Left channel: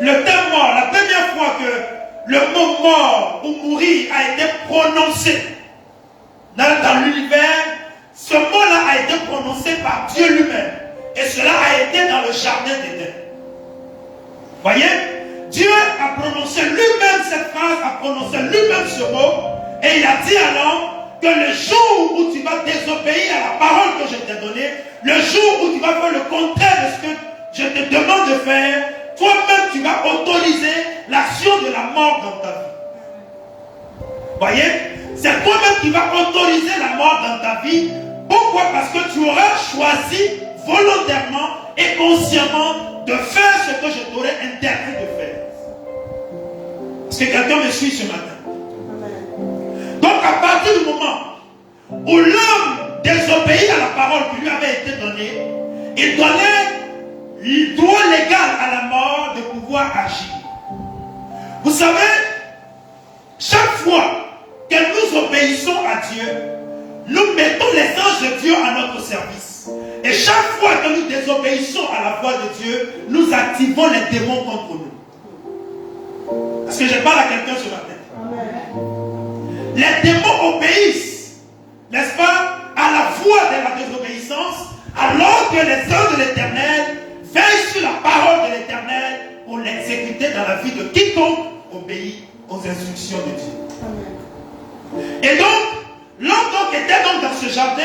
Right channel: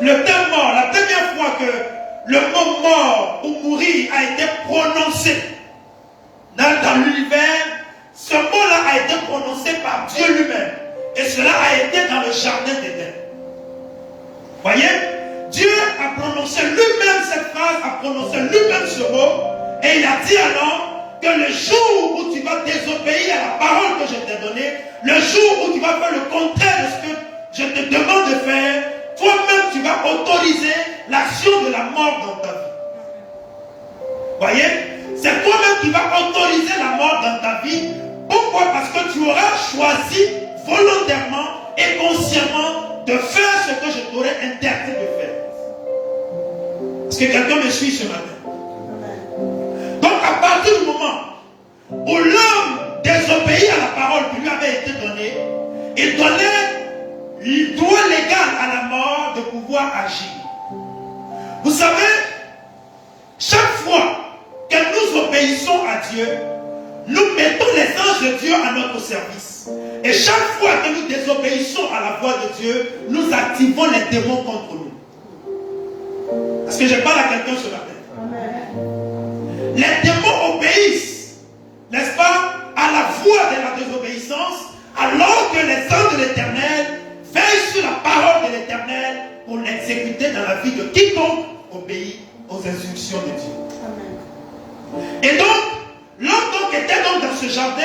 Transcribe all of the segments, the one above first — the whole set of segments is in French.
le terme mort, la première fois que le mot mort ou mourir a été prononcé dans l'univers, ce mot-là a été prononcé par Dieu lui-même. Et cela a été dans le jardin d'Éden. Voyez, Dieu a prononcé lui-même cette phrase, a prononcé lui-même ce mot, et il a dit à l'homme que le jour où tu vas désobéir à la parole que je t'ai donnée, le jour où tu vas faire le contraire de ce que je te demande de faire, toi-même tu vas autoriser l'action de la mort dans ta vie. Voyez, c'est toi-même qui vas autoriser la mort dans ta vie. Pourquoi? Parce que tu auras choisi volontairement et consciemment de faire ce que je t'aurais interdit de faire. Est-ce que quelqu'un me suit ce matin? Donc à partir du moment où l'homme désobéit à la parole qui lui avait été donnée, il donnait le droit légal à la mort de pouvoir agir. Vous savez, chaque fois que nous obéissons à Dieu, nous mettons les anges de Dieu à notre service. Et chaque fois que nous désobéissons à la voix de Dieu, nous activons les démons contre nous. Est-ce que je parle à quelqu'un ce matin? Les démons obéissent, n'est-ce pas, à la voix de la désobéissance, alors que les anges de l'Éternel veillent sur la parole de l'Éternel pour l'exécuter dans la vie de quiconque obéit aux instructions de Dieu. Et donc, l'homme était donc dans ce jardin,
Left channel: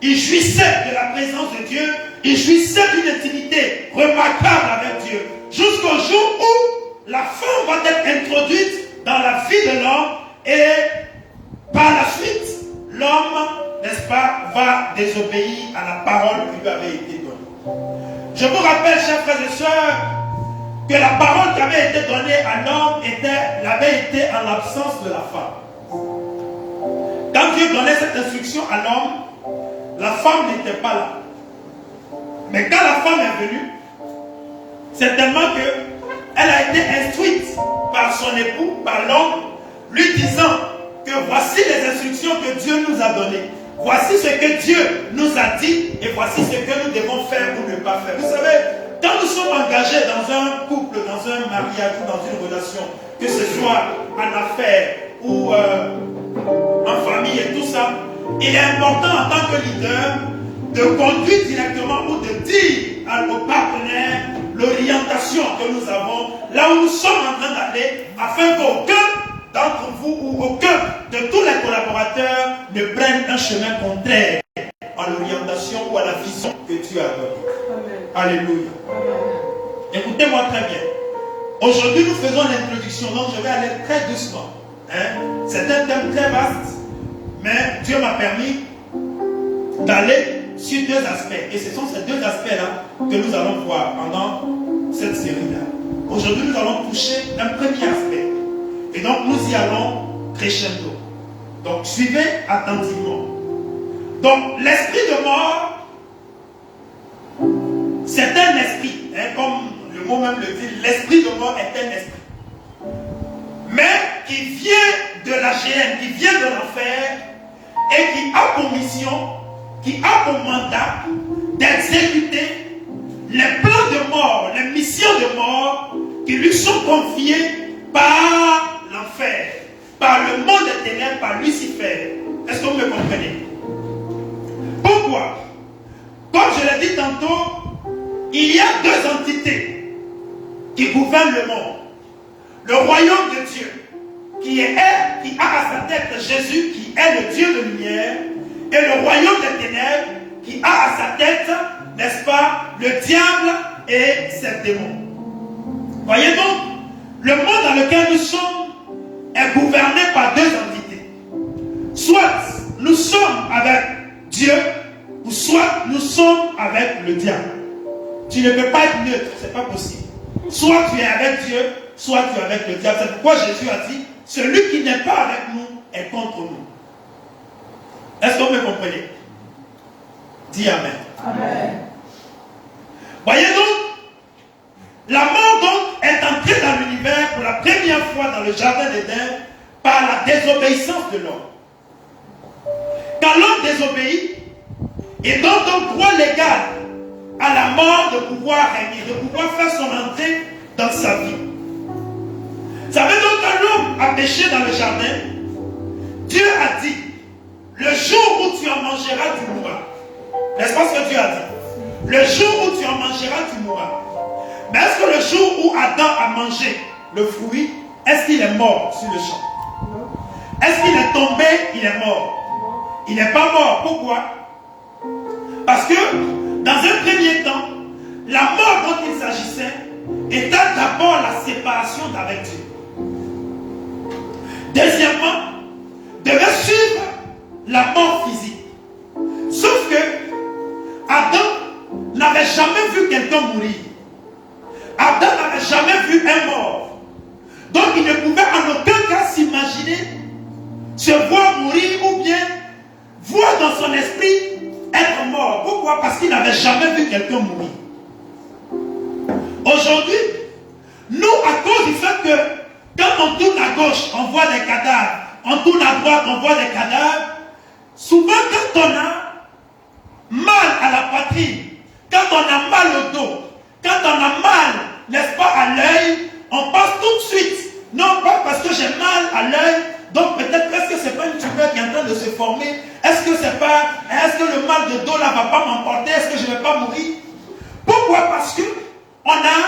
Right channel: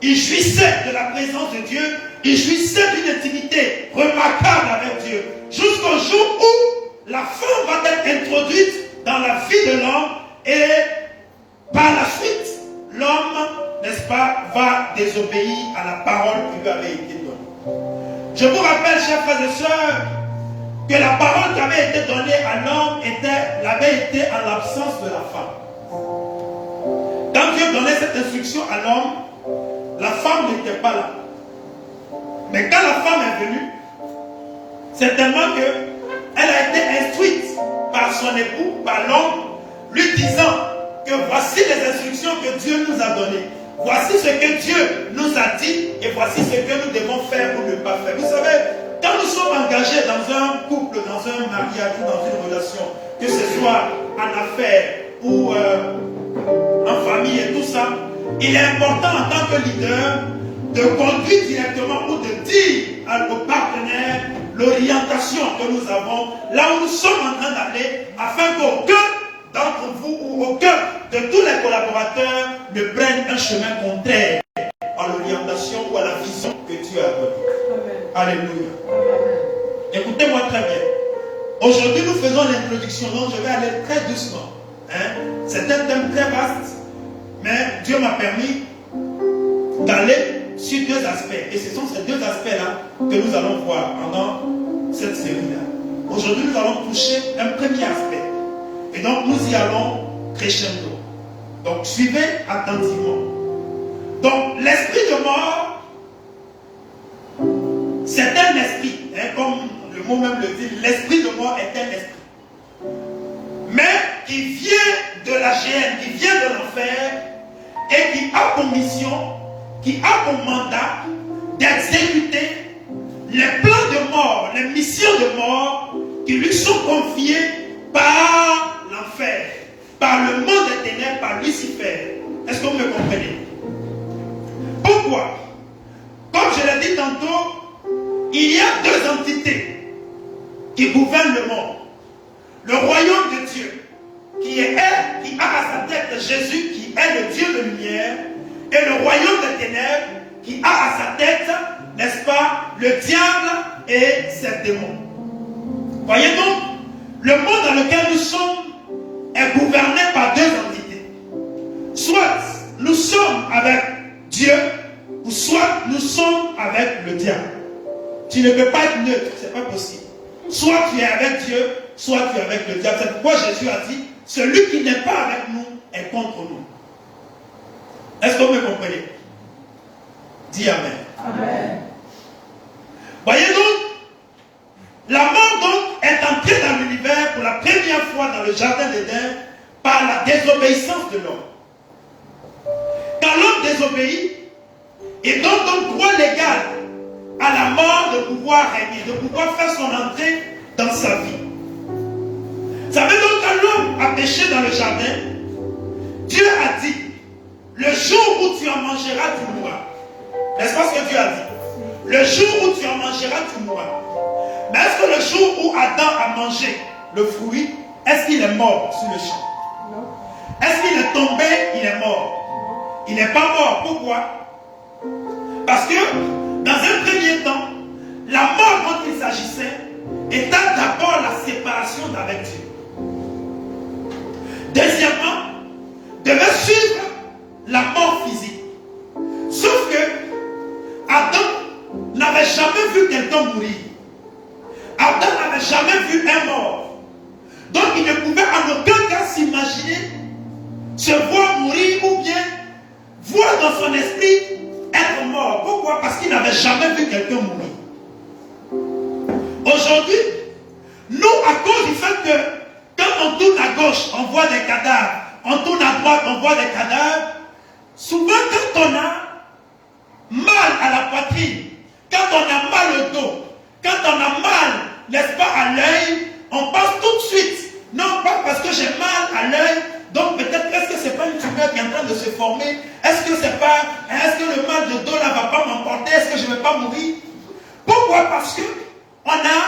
il jouissait de la présence de Dieu, il jouissait d'une intimité remarquable avec Dieu, jusqu'au jour où la femme va être introduite dans la vie de l'homme et par la suite, l'homme, n'est-ce pas, va désobéir à la parole qui lui avait été donnée. Je vous rappelle, chers frères et sœurs, que la parole qui avait été donnée à l'homme avait été en l'absence de la femme. Quand Dieu donnait cette instruction à l'homme, la femme n'était pas là. Mais quand la femme est venue, certainement qu'elle a été instruite par son époux, par l'homme, lui disant que voici les instructions que Dieu nous a données. Voici ce que Dieu nous a dit et voici ce que nous devons faire ou ne pas faire. Vous savez, quand nous sommes engagés dans un couple, dans un mariage ou dans une relation, que ce soit en affaires ou en famille et tout ça, il est important en tant que leader de conduire directement ou de dire au partenaire l'orientation que nous avons, là où nous sommes en train d'aller, afin qu'aucun d'entre vous ou aucun de tous les collaborateurs ne prennent un chemin contraire à l'orientation ou à la vision que Dieu a donnée. Alléluia. Écoutez-moi très bien. Aujourd'hui, nous faisons l'introduction, donc je vais aller très doucement. C'est un thème très vaste, mais Dieu m'a permis d'aller sur deux aspects. Et ce sont ces deux aspects-là que nous allons voir pendant cette série-là. Aujourd'hui, nous allons toucher un premier aspect. Et donc, nous y allons crescendo. Donc, suivez attentivement. Donc, l'esprit de mort, c'est un esprit. Comme le mot même le dit, l'esprit de mort est un esprit. Mais qui vient de la géhenne, qui vient de l'enfer, et qui a pour mission, qui a pour mandat d'exécuter les plans de mort, les missions de mort qui lui sont confiées par l'enfer, par le monde des ténèbres, par Lucifer. Est-ce que vous me comprenez? Pourquoi? Comme je l'ai dit tantôt, il y a deux entités qui gouvernent le monde. Le royaume de Dieu, qui a à sa tête Jésus, qui est le Dieu de lumière, et le royaume des ténèbres, qui a à sa tête, n'est-ce pas, le diable et ses démons. Voyez donc, le monde dans lequel nous sommes est gouverné par deux entités. Soit nous sommes avec Dieu, ou soit nous sommes avec le diable. Tu ne peux pas être neutre, ce n'est pas possible. Soit tu es avec Dieu, soit tu es avec le diable. C'est pourquoi Jésus a dit, celui qui n'est pas avec nous est contre nous. Est-ce que vous me comprenez? Dis Amen. Amen. Voyez donc, la mort donc est entrée dans l'univers pour la première fois dans le jardin d'Éden par la désobéissance de l'homme. Quand l'homme désobéit, il donne donc droit légal à la mort de pouvoir régner, de pouvoir faire son entrée dans sa vie. Vous savez donc quand l'homme a péché dans le jardin, Dieu a dit, le jour où tu en mangeras, tu mourras. N'est-ce pas ce que Dieu a dit? Le jour où tu en mangeras, tu mourras. Mais est-ce que le jour où Adam a mangé le fruit, est-ce qu'il est mort sur le champ? Est-ce qu'il est tombé? Il est mort. Il n'est pas mort. Pourquoi? Parce que, dans un premier temps, la mort dont il s'agissait était d'abord la séparation d'avec Dieu. Deuxièmement, devait suivre la mort physique. Sauf que Adam n'avait jamais vu quelqu'un mourir. Adam n'avait jamais vu un mort. Donc il ne pouvait en aucun cas s'imaginer se voir mourir ou bien voir dans son esprit être mort. Pourquoi? Parce qu'il n'avait jamais vu quelqu'un mourir. Aujourd'hui, nous, à cause du fait que quand on tourne à gauche, on voit des cadavres, on tourne à droite, on voit des cadavres, souvent quand on a mal à la poitrine, quand on a mal au dos, quand on a mal, n'est-ce pas, à l'œil, on pense tout de suite, non pas parce que j'ai mal à l'œil, donc peut-être, est-ce que c'est pas une tumeur qui est en train de se former? Est-ce que le mal de dos là va pas m'emporter? Est-ce que je ne vais pas mourir? Pourquoi? Parce que on a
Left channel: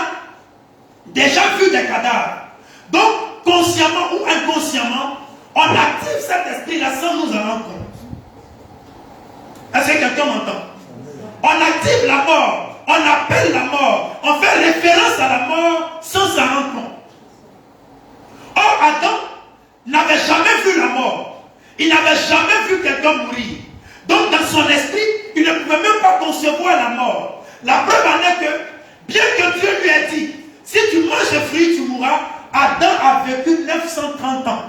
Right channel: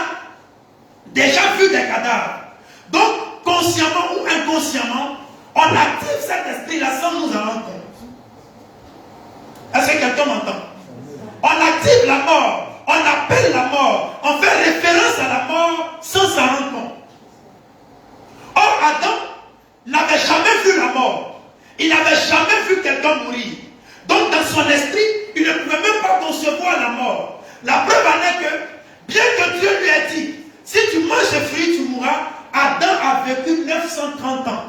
déjà vu des cadavres. Donc, consciemment ou inconsciemment, on active cet esprit-là sans nous en rendre compte. Est-ce que quelqu'un m'entend? On active la mort, on appelle la mort, on fait référence à la mort sans s'en rendre compte. Or, Adam n'avait jamais vu la mort. Il n'avait jamais vu quelqu'un mourir. Donc, dans son esprit, il ne pouvait même pas concevoir la mort. La preuve en est que, bien que Dieu lui ait dit, si tu manges des fruits, tu mourras, Adam a vécu 930 ans.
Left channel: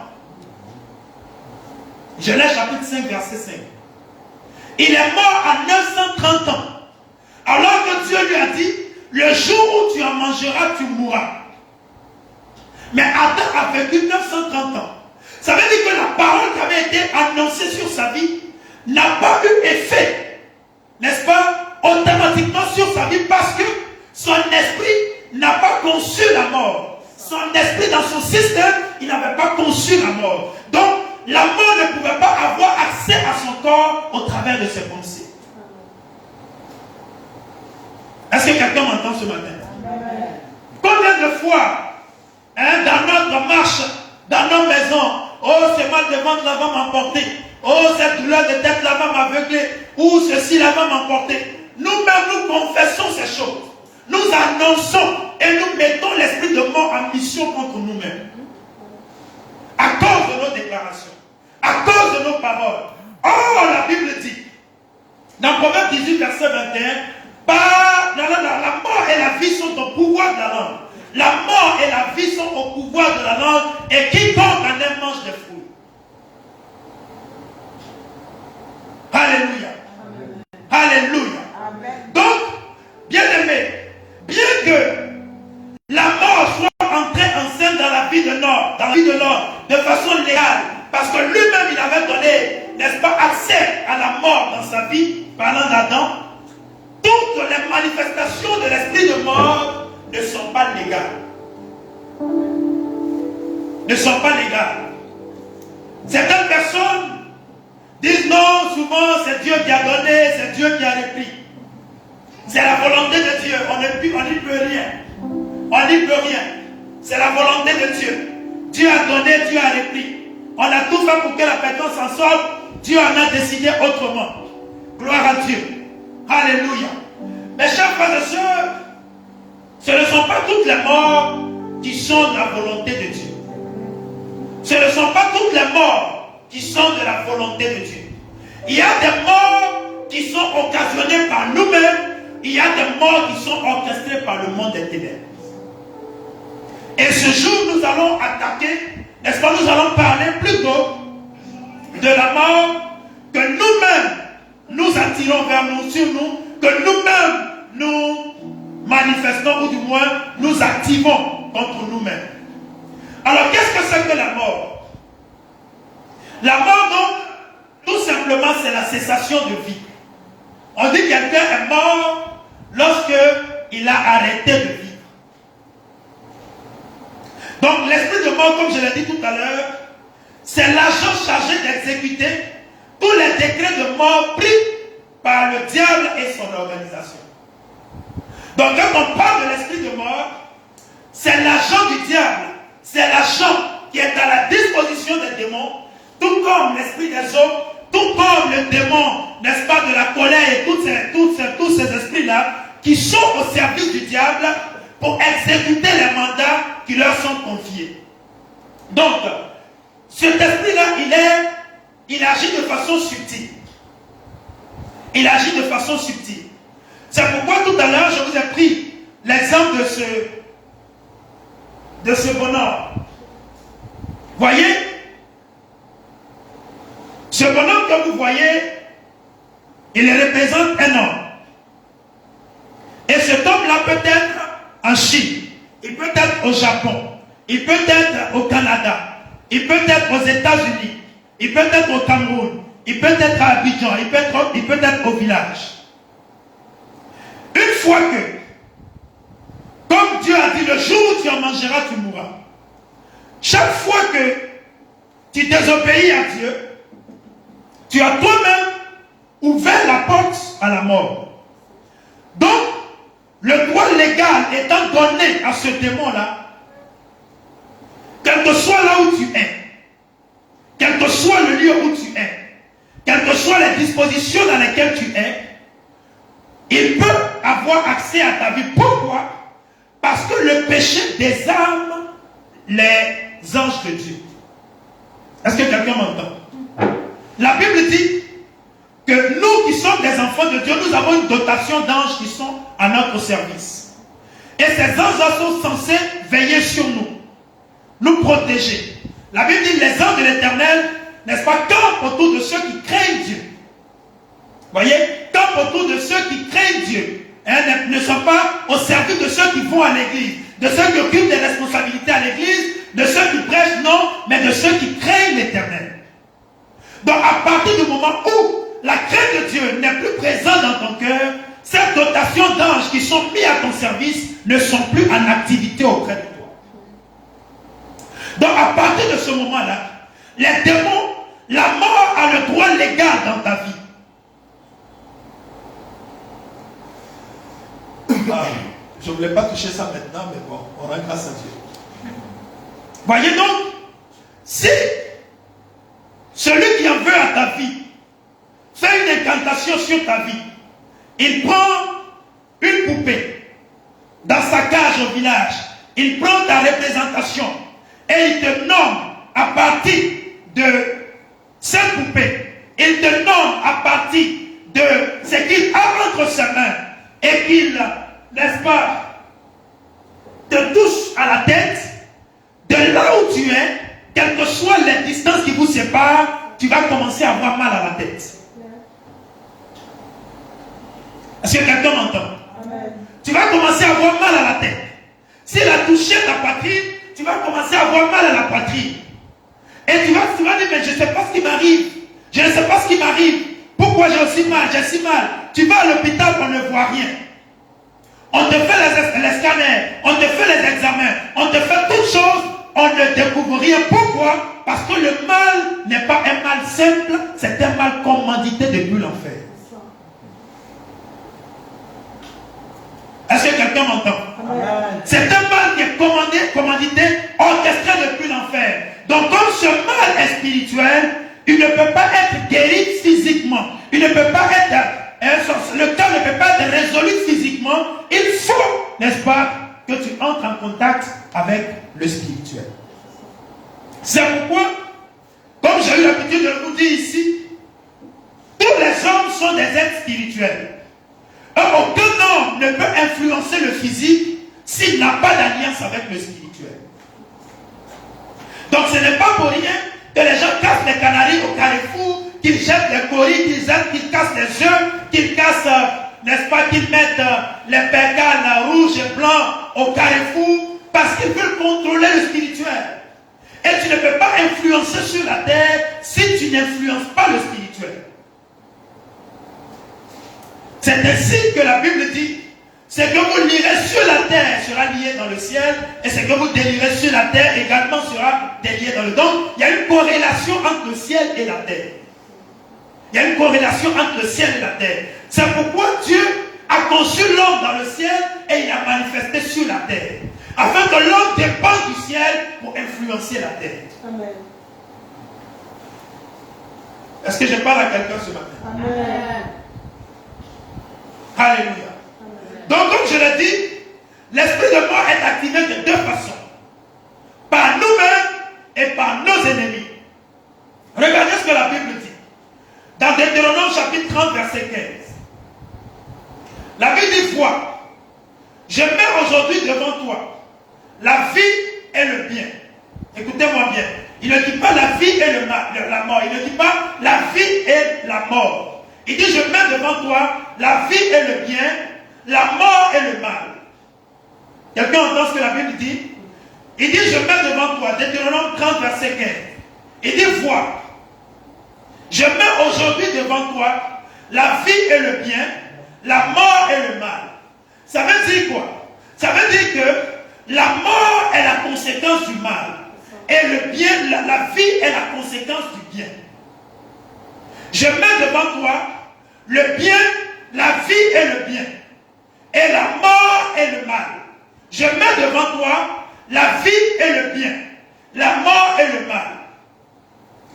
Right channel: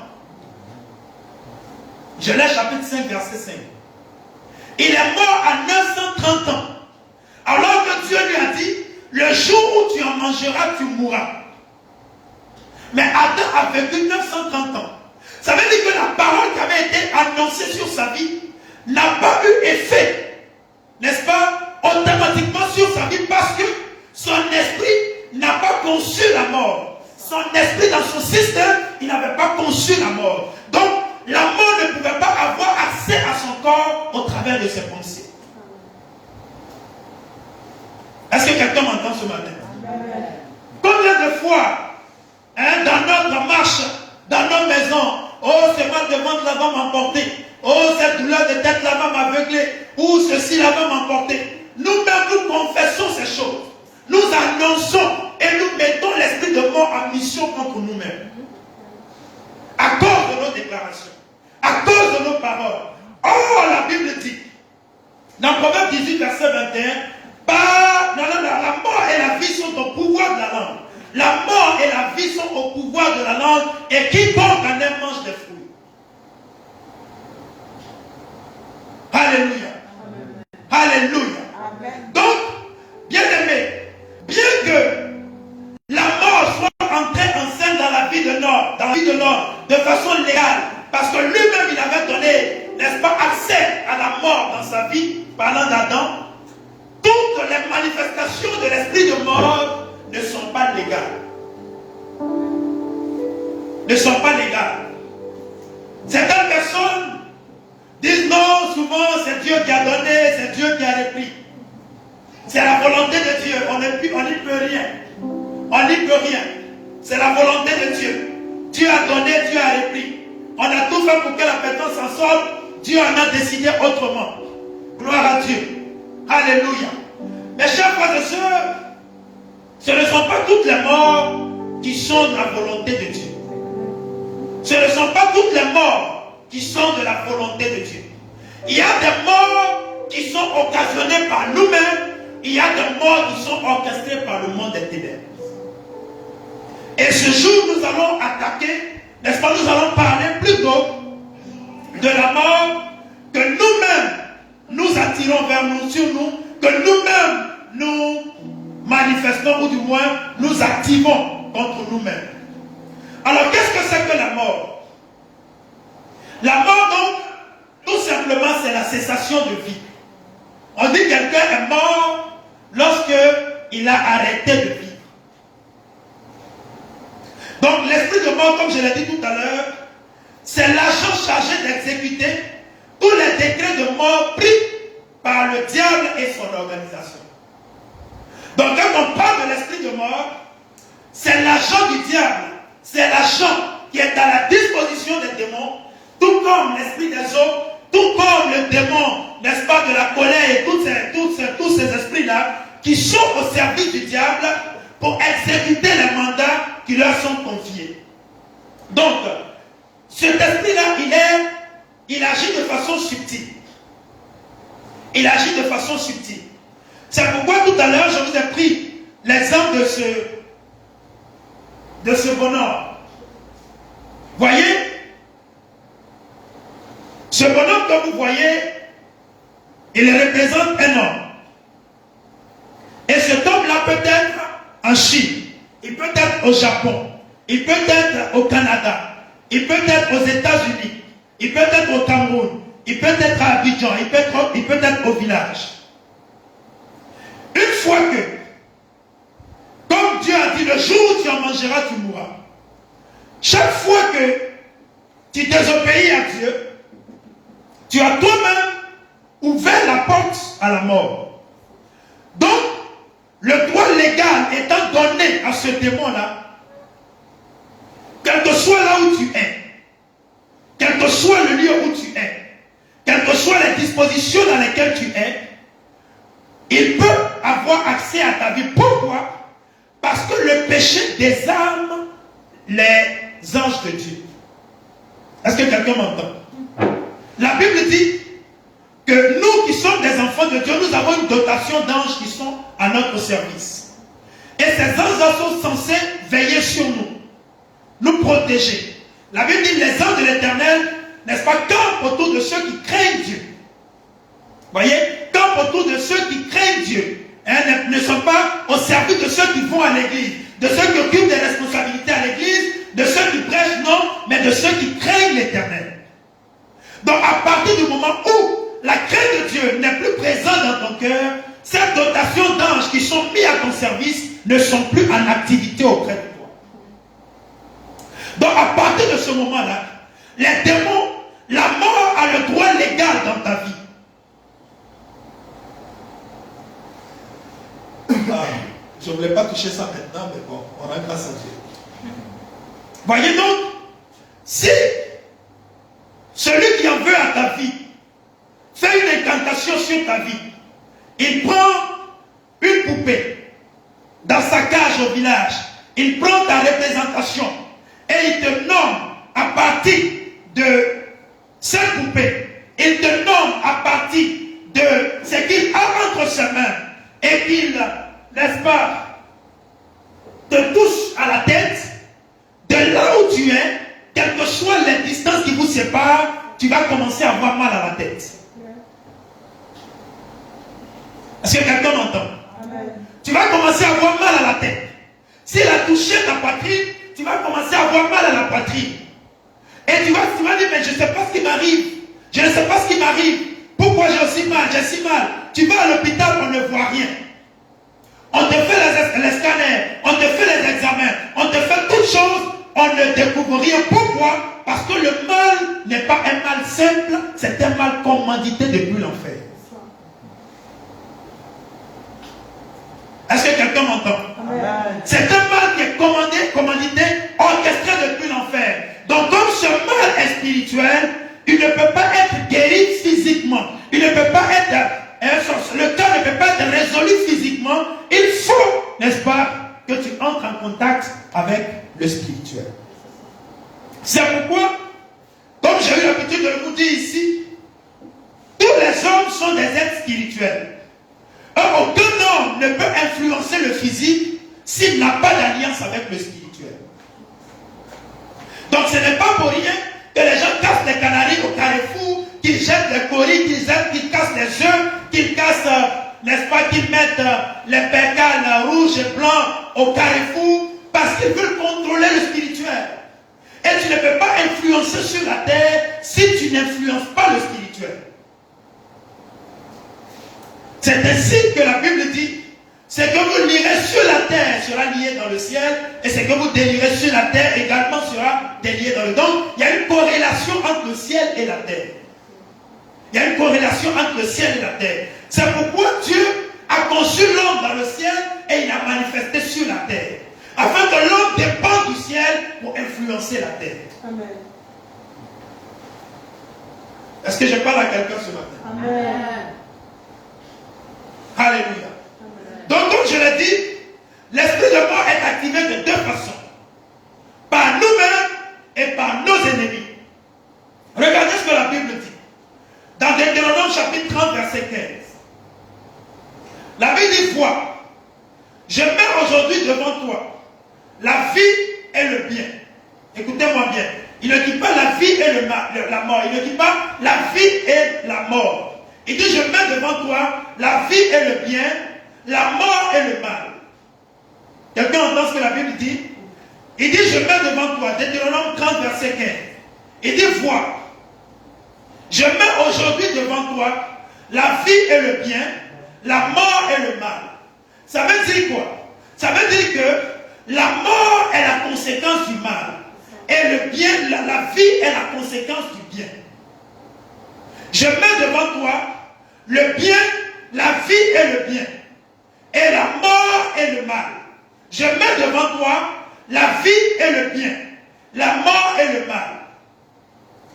Genèse chapitre 5, verset 5. Il est mort à 930 ans. Alors que Dieu lui a dit, le jour où tu en mangeras, tu mourras. Mais Adam a vécu 930 ans. Ça veut dire que la parole qui avait été annoncée sur sa vie n'a pas eu effet, n'est-ce pas, automatiquement sur sa vie parce que son esprit n'a pas conçu la mort. Son esprit dans son système, il n'avait pas conçu la mort. Donc, la mort ne pouvait pas avoir accès à son corps au travers de ses pensées. Est-ce que quelqu'un m'entend ce matin? Combien de fois, dans notre marche, dans nos maisons, oh, ce mal de ventre là va m'emporter, oh, cette douleur de tête là va m'aveugler, ou ceci là va m'emporter. Nous-mêmes, nous confessons ces choses. Nous annonçons et nous mettons l'esprit de mort en mission contre nous-mêmes. À cause de nos déclarations, à cause de nos paroles. Oh, la Bible dit, dans Proverbe 18, verset 21, la mort et la vie sont au pouvoir de la langue. La mort et la vie sont au pouvoir de la langue, et quiconque en aime mange des fruits. Alléluia. Alléluia. Donc, bien aimé, bien que la mort soit entrée en scène dans la vie de l'homme, de façon légale, parce que lui-même il avait donné, n'est-ce pas, accès à la mort dans sa vie, parlant d'Adam, toutes les manifestations de l'esprit de mort ne sont pas légales. Ne sont pas légales. Certaines personnes disent non, souvent c'est Dieu qui a donné, c'est Dieu qui a repris. C'est la volonté de Dieu, on n'y peut rien. On n'y peut rien. C'est la volonté de Dieu. Dieu a donné, Dieu a repris. On a tout fait pour que la personne s'en sorte. Dieu en a décidé autrement. Gloire à Dieu. Alléluia. Mes chers frères et sœurs, ce ne sont pas toutes les morts qui sont de la volonté de Dieu. Ce ne sont pas toutes les morts qui sont de la volonté de Dieu. Il y a des morts qui sont occasionnées par nous-mêmes. Il y a des morts qui sont orchestrées par le monde des ténèbres. Et ce jour, nous allons attaquer, n'est-ce pas, nous allons parler plutôt de la mort que nous-mêmes nous attirons vers nous, sur nous, que nous-mêmes nous manifestons, ou du moins nous activons contre nous-mêmes. Alors, qu'est-ce que c'est que la mort? La mort, donc, tout simplement, c'est la cessation de vie. On dit que quelqu'un est mort lorsqu'il a arrêté de vivre. Donc l'esprit de mort, comme je l'ai dit tout à l'heure, c'est l'agent chargé d'exécuter tous les décrets de mort pris par le diable et son organisation. Donc quand on parle de l'esprit de mort, c'est l'agent du diable, c'est l'agent qui est à la disposition des démons, tout comme l'esprit des eaux, tout comme le démon, n'est-ce pas, de la colère et tous ces esprits-là, qui sont au service du diable pour exécuter les mandats qui leur sont confiés. Donc, cet esprit-là, il agit de façon subtile. Il agit de façon subtile. C'est pourquoi tout à l'heure, je vous ai pris l'exemple de ce bonhomme. Voyez, ce bonhomme que vous voyez, il représente un homme. Et cet homme-là peut être en Chine, il peut être au Japon, il peut être au Canada, il peut être aux États-Unis, il peut être au Cameroun, il peut être à Abidjan, il peut être au village. Une fois que, comme Dieu a dit, le jour où tu en mangeras, tu mourras. Chaque fois que tu désobéis à Dieu, tu as toi-même ouvert la porte à la mort. Donc, le droit légal étant donné à ce démon-là, quel que soit là où tu es, quel que soit le lieu où tu es, quelles que soient les dispositions dans lesquelles tu es, il peut avoir accès à ta vie. Pourquoi? Parce que le péché désarme les anges de Dieu. Est-ce que quelqu'un m'entend? La Bible dit que nous qui sommes des enfants de Dieu, nous avons une dotation d'anges qui sont à notre service. Et ces anges sont censés veiller sur nous, nous protéger. La Bible dit les anges de l'Éternel, n'est-ce pas, campent autour de ceux qui craignent Dieu. Voyez, campent autour de ceux qui craignent Dieu. Ne sont pas au service de ceux qui vont à l'église, de ceux qui occupent des responsabilités à l'église, de ceux qui prêchent, non, mais de ceux qui craignent l'Éternel. Donc à partir du moment où la crainte de Dieu n'est plus présente dans ton cœur, ces dotations d'anges qui sont mis à ton service ne sont plus en activité auprès de toi. Donc à partir de ce moment-là, les démons, la mort a le droit légal dans ta vie. Je ne voulais pas toucher ça maintenant, mais bon, on rend grâce à Dieu. Voyez donc, si celui qui en veut à ta vie fait une incantation sur ta vie, il prend une poupée dans sa cage au village, il prend ta représentation et il te nomme à partir de cette poupée, il te nomme à partir de ce qu'il a entre ses mains et qu'il, n'est-ce pas, te touche à la tête, de là où tu es, quelles que soient les distances qui vous séparent, tu vas commencer à avoir mal à la tête. Est-ce que quelqu'un m'entend? Tu vas commencer à avoir mal à la tête. S'il a touché ta poitrine, tu vas commencer à avoir mal à la poitrine. Et tu vas dire, mais je ne sais pas ce qui m'arrive. Je ne sais pas ce qui m'arrive. Pourquoi j'ai si mal? J'ai si mal. Tu vas à l'hôpital, on ne voit rien. On te fait les scanners, on te fait les examens, on te fait toutes choses, on ne découvre rien. Pourquoi? Parce que le mal n'est pas un mal simple, c'est un mal commandité depuis l'enfer. Est-ce que quelqu'un m'entend? C'est un mal qui est commandité, orchestré depuis l'enfer. Donc comme ce mal est spirituel, il ne peut pas être guéri physiquement. Il ne peut pas être, le cas ne peut pas être résolu physiquement. Il faut, n'est-ce pas, que tu entres en contact avec le spirituel. C'est pourquoi, comme j'ai eu l'habitude de vous dire ici, tous les hommes sont des êtres spirituels. Aucun homme ne peut influencer le physique s'il n'a pas d'alliance avec le spirituel. Donc ce n'est pas pour rien que les gens cassent les canaris au carrefour, qu'ils jettent les coris, qu'ils cassent les œufs, qu'ils cassent, n'est-ce pas, qu'ils mettent les percales rouges et blancs au carrefour, parce qu'ils veulent contrôler le spirituel. Et tu ne peux pas influencer sur la terre si tu n'influences pas le spirituel. C'est ainsi que la Bible dit, Ce que vous lirez sur la terre sera lié dans le ciel, et ce que vous délirez sur la terre également sera délié dans le ciel. Donc, il y a une corrélation entre le ciel et la terre. Il y a une corrélation entre le ciel et la terre. C'est pourquoi Dieu a conçu l'homme dans le ciel et il a manifesté sur la terre. Afin que l'homme dépende du ciel pour influencer la terre. Amen. Est-ce que je parle à quelqu'un ce matin? Amen. Alléluia. Amen. Donc, comme je l'ai dit, l'esprit de mort est activé de deux façons. Par nous-mêmes et par nos ennemis. Regardez ce que la Bible dit. Dans Deutéronome chapitre 30, verset 15. La Bible dit: vois, je mets aujourd'hui devant toi la vie et le bien. Écoutez-moi bien. Il ne dit pas la vie et la mort. Il ne dit pas la vie et la mort. Il dit: je mets devant toi la vie et le bien, la mort et le mal. Quelqu'un entend ce que la Bible dit? Il dit: je mets devant toi, Deutéronome 30, verset 15. Il dit: vois, je mets aujourd'hui devant toi la vie et le bien, la mort et le mal. Ça veut dire quoi? Ça veut dire que la mort est la conséquence du mal. Et le bien, la vie est la conséquence du bien. Je mets devant toi le bien, la vie et le bien. Et la mort et le mal. Je mets devant toi la vie et le bien. La mort et le mal.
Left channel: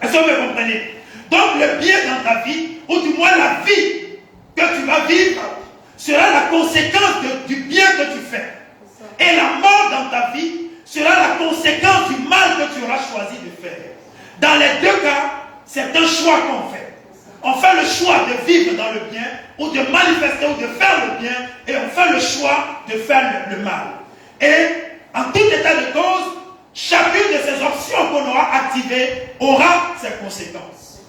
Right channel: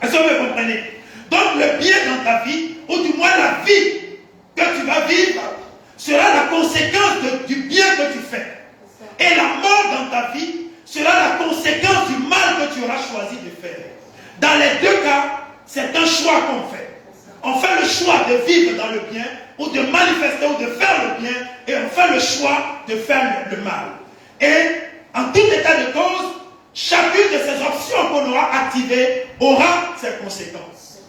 Est-ce que vous comprenez? Donc le bien dans ta vie, ou du moins la vie que tu vas vivre, sera la conséquence du bien que tu fais. Et la mort dans ta vie sera la conséquence du mal que tu auras choisi de faire. Dans les deux cas, c'est un choix qu'on fait. On fait le choix de vivre dans le bien, ou de manifester, ou de faire le bien, et on fait le choix de faire le mal. Et en tout état de cause, chacune de ces options qu'on aura activées aura ses conséquences.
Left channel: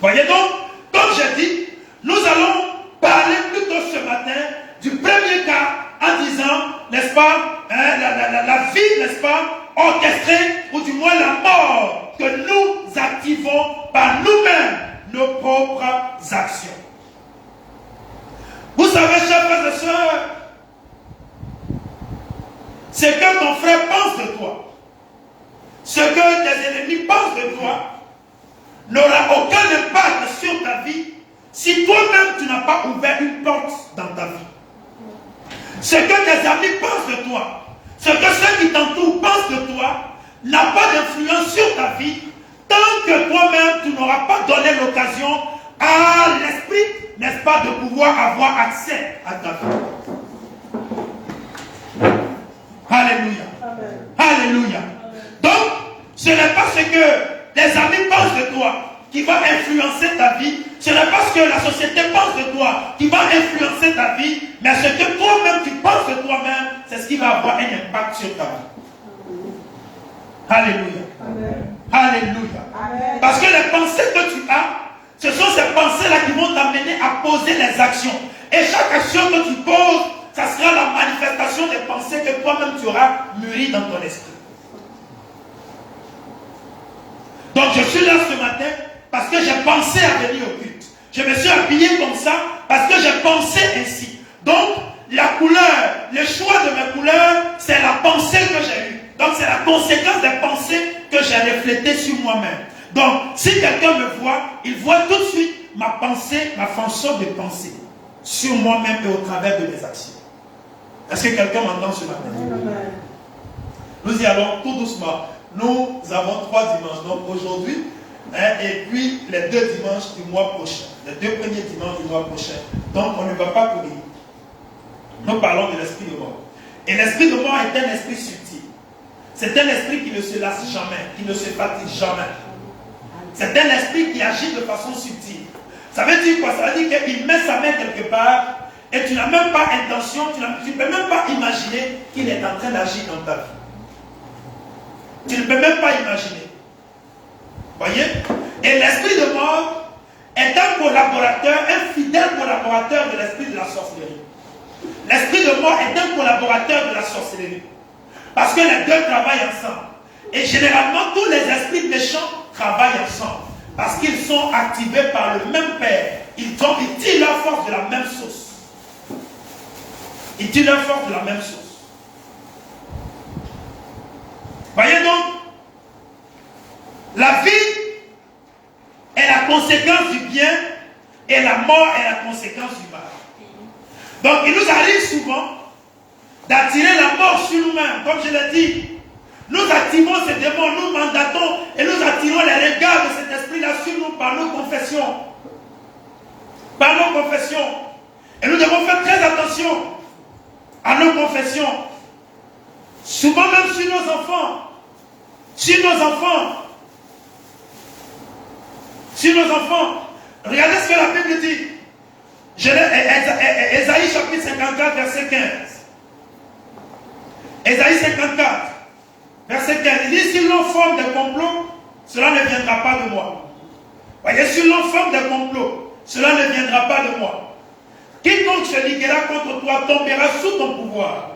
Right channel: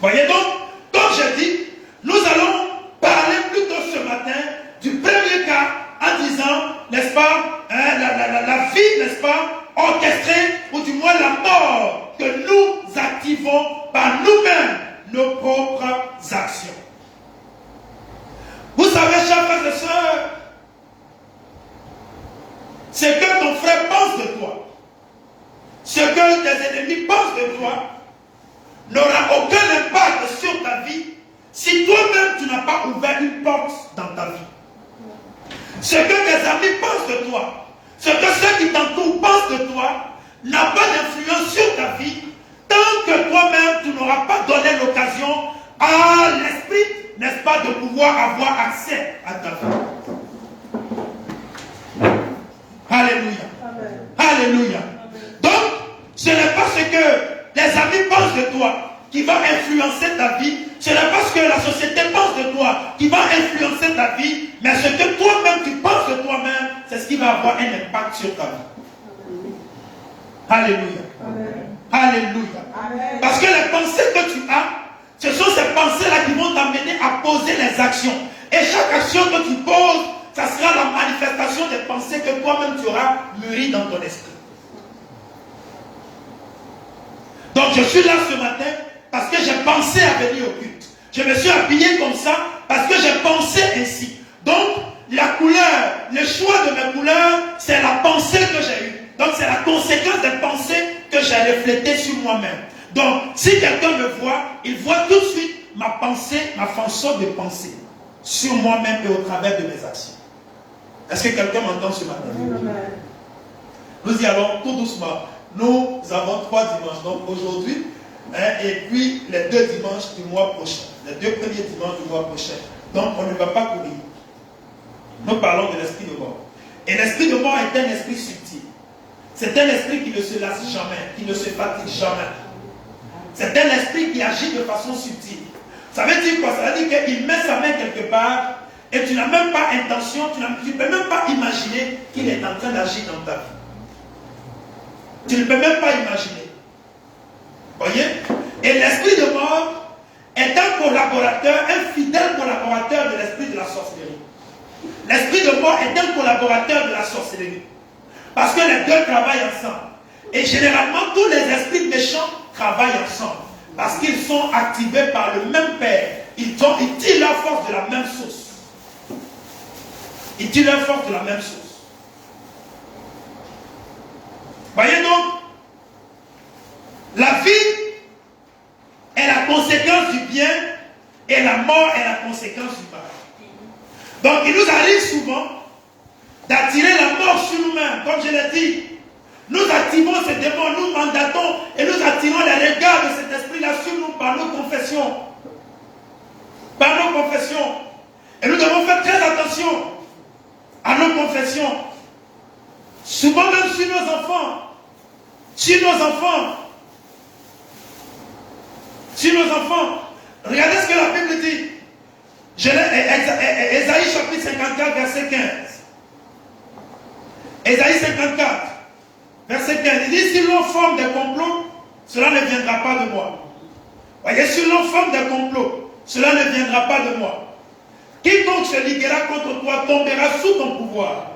Voyez donc, comme j'ai dit, nous allons parler plutôt ce matin du premier cas en disant, n'est-ce pas, la vie, n'est-ce pas, orchestrée, ou du moins la mort que nous activons par nous-mêmes nos propres actions. Vous savez, chers frères et sœurs, ce que ton frère pense de toi, ce que tes ennemis pensent de toi, n'aura aucun impact sur ta vie si toi-même tu n'as pas ouvert une porte dans ta vie. Ce que tes amis pensent de toi, ce que ceux qui t'entourent pensent de toi, n'a pas d'influence sur ta vie tant que toi-même tu n'auras pas donné l'occasion à l'esprit, n'est-ce pas, de pouvoir avoir accès à ta vie. Alléluia. Amen. Alléluia. Donc, ce n'est pas ce que tes amis pensent de toi qui va influencer ta vie. Ce n'est pas ce que la société pense de toi qui va influencer ta vie, mais ce que toi-même tu penses de toi-même, c'est ce qui va avoir un impact sur ta vie. Alléluia. Amen. Alléluia. Amen. Parce que les pensées que tu as, ce sont ces pensées-là qui vont t'amener à poser les actions. Et chaque action que tu poses, ça sera la manifestation des pensées que toi-même tu auras mûries dans ton esprit. Donc je suis là ce matin parce que j'ai pensé à venir au culte. Je me suis habillé comme ça parce que j'ai pensé ainsi. Donc la couleur, le choix de mes couleurs, c'est la pensée que j'ai eue. Donc c'est la conséquence des pensées que j'ai reflétées sur moi-même. Donc si quelqu'un me voit, il voit tout de suite ma pensée, ma façon de penser sur moi-même et au travers de mes actions. Est-ce que quelqu'un m'entend ce matin? Amen. Nous y allons tout doucement. Nous avons 3 dimanches, donc aujourd'hui, et puis les 2 dimanches du mois prochain, les 2 premiers dimanches du mois prochain. Donc on ne va pas courir. Nous parlons de l'esprit de mort. Et l'esprit de mort est un esprit subtil. C'est un esprit qui ne se lasse jamais, qui ne se fatigue jamais. C'est un esprit qui agit de façon subtile. Ça veut dire quoi? Ça veut dire qu'il met sa main quelque part et tu n'as même pas intention, tu ne peux même pas imaginer qu'il est en train d'agir dans ta vie. Tu ne peux même pas imaginer. Voyez? Et l'esprit de mort est un collaborateur, un fidèle collaborateur de l'esprit de la sorcellerie. L'esprit de mort est un collaborateur de la sorcellerie. Parce que les deux travaillent ensemble. Et généralement, tous les esprits méchants travaillent ensemble. Parce qu'ils sont activés par le même Père. Ils tirent leur force de la même source. Ils tirent leur force de la même chose. Voyez donc, la vie est la conséquence du bien et la mort est la conséquence du mal. Donc il nous arrive souvent d'attirer la mort sur nous-mêmes, comme je l'ai dit. Nous activons ces démons, nous mandatons et nous attirons les regards de cet esprit-là sur nous par nos confessions. Par nos confessions. Et nous devons faire très attention à nos confessions. Souvent même sur nos enfants. Sur nos enfants. Sur nos enfants. Regardez ce que la Bible dit. Ésaïe chapitre 54, verset 15. Ésaïe 54, verset 15. Il dit, si l'on forme des complots, cela ne viendra pas de moi. Voyez, si l'on forme des complots, cela ne viendra pas de moi. Quiconque se liguera contre toi tombera sous ton pouvoir.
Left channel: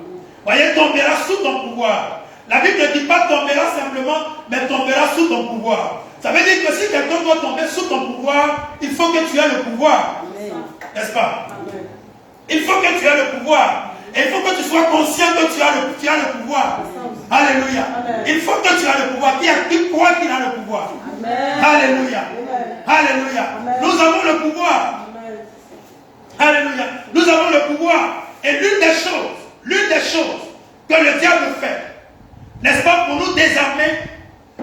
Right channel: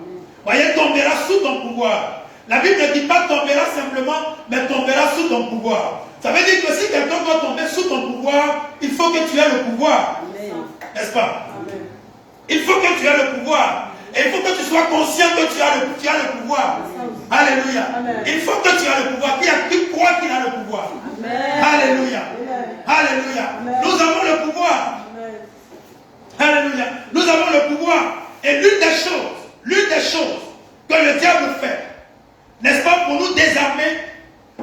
Voyez, tombera sous ton pouvoir. La Bible ne dit pas tombera simplement, mais tombera sous ton pouvoir. Ça veut dire que si quelqu'un doit tomber sous ton pouvoir, il faut que tu aies le pouvoir. N'est-ce pas? Il faut que tu aies le pouvoir. Et il faut que tu sois conscient que tu as le pouvoir. Alléluia. Il faut que tu aies le pouvoir. Qui croit qu'il a le pouvoir? Alléluia. Alléluia. Nous avons le pouvoir. Alléluia. Nous avons le pouvoir. Et l'une des choses que le diable fait, n'est-ce pas, pour nous désarmer,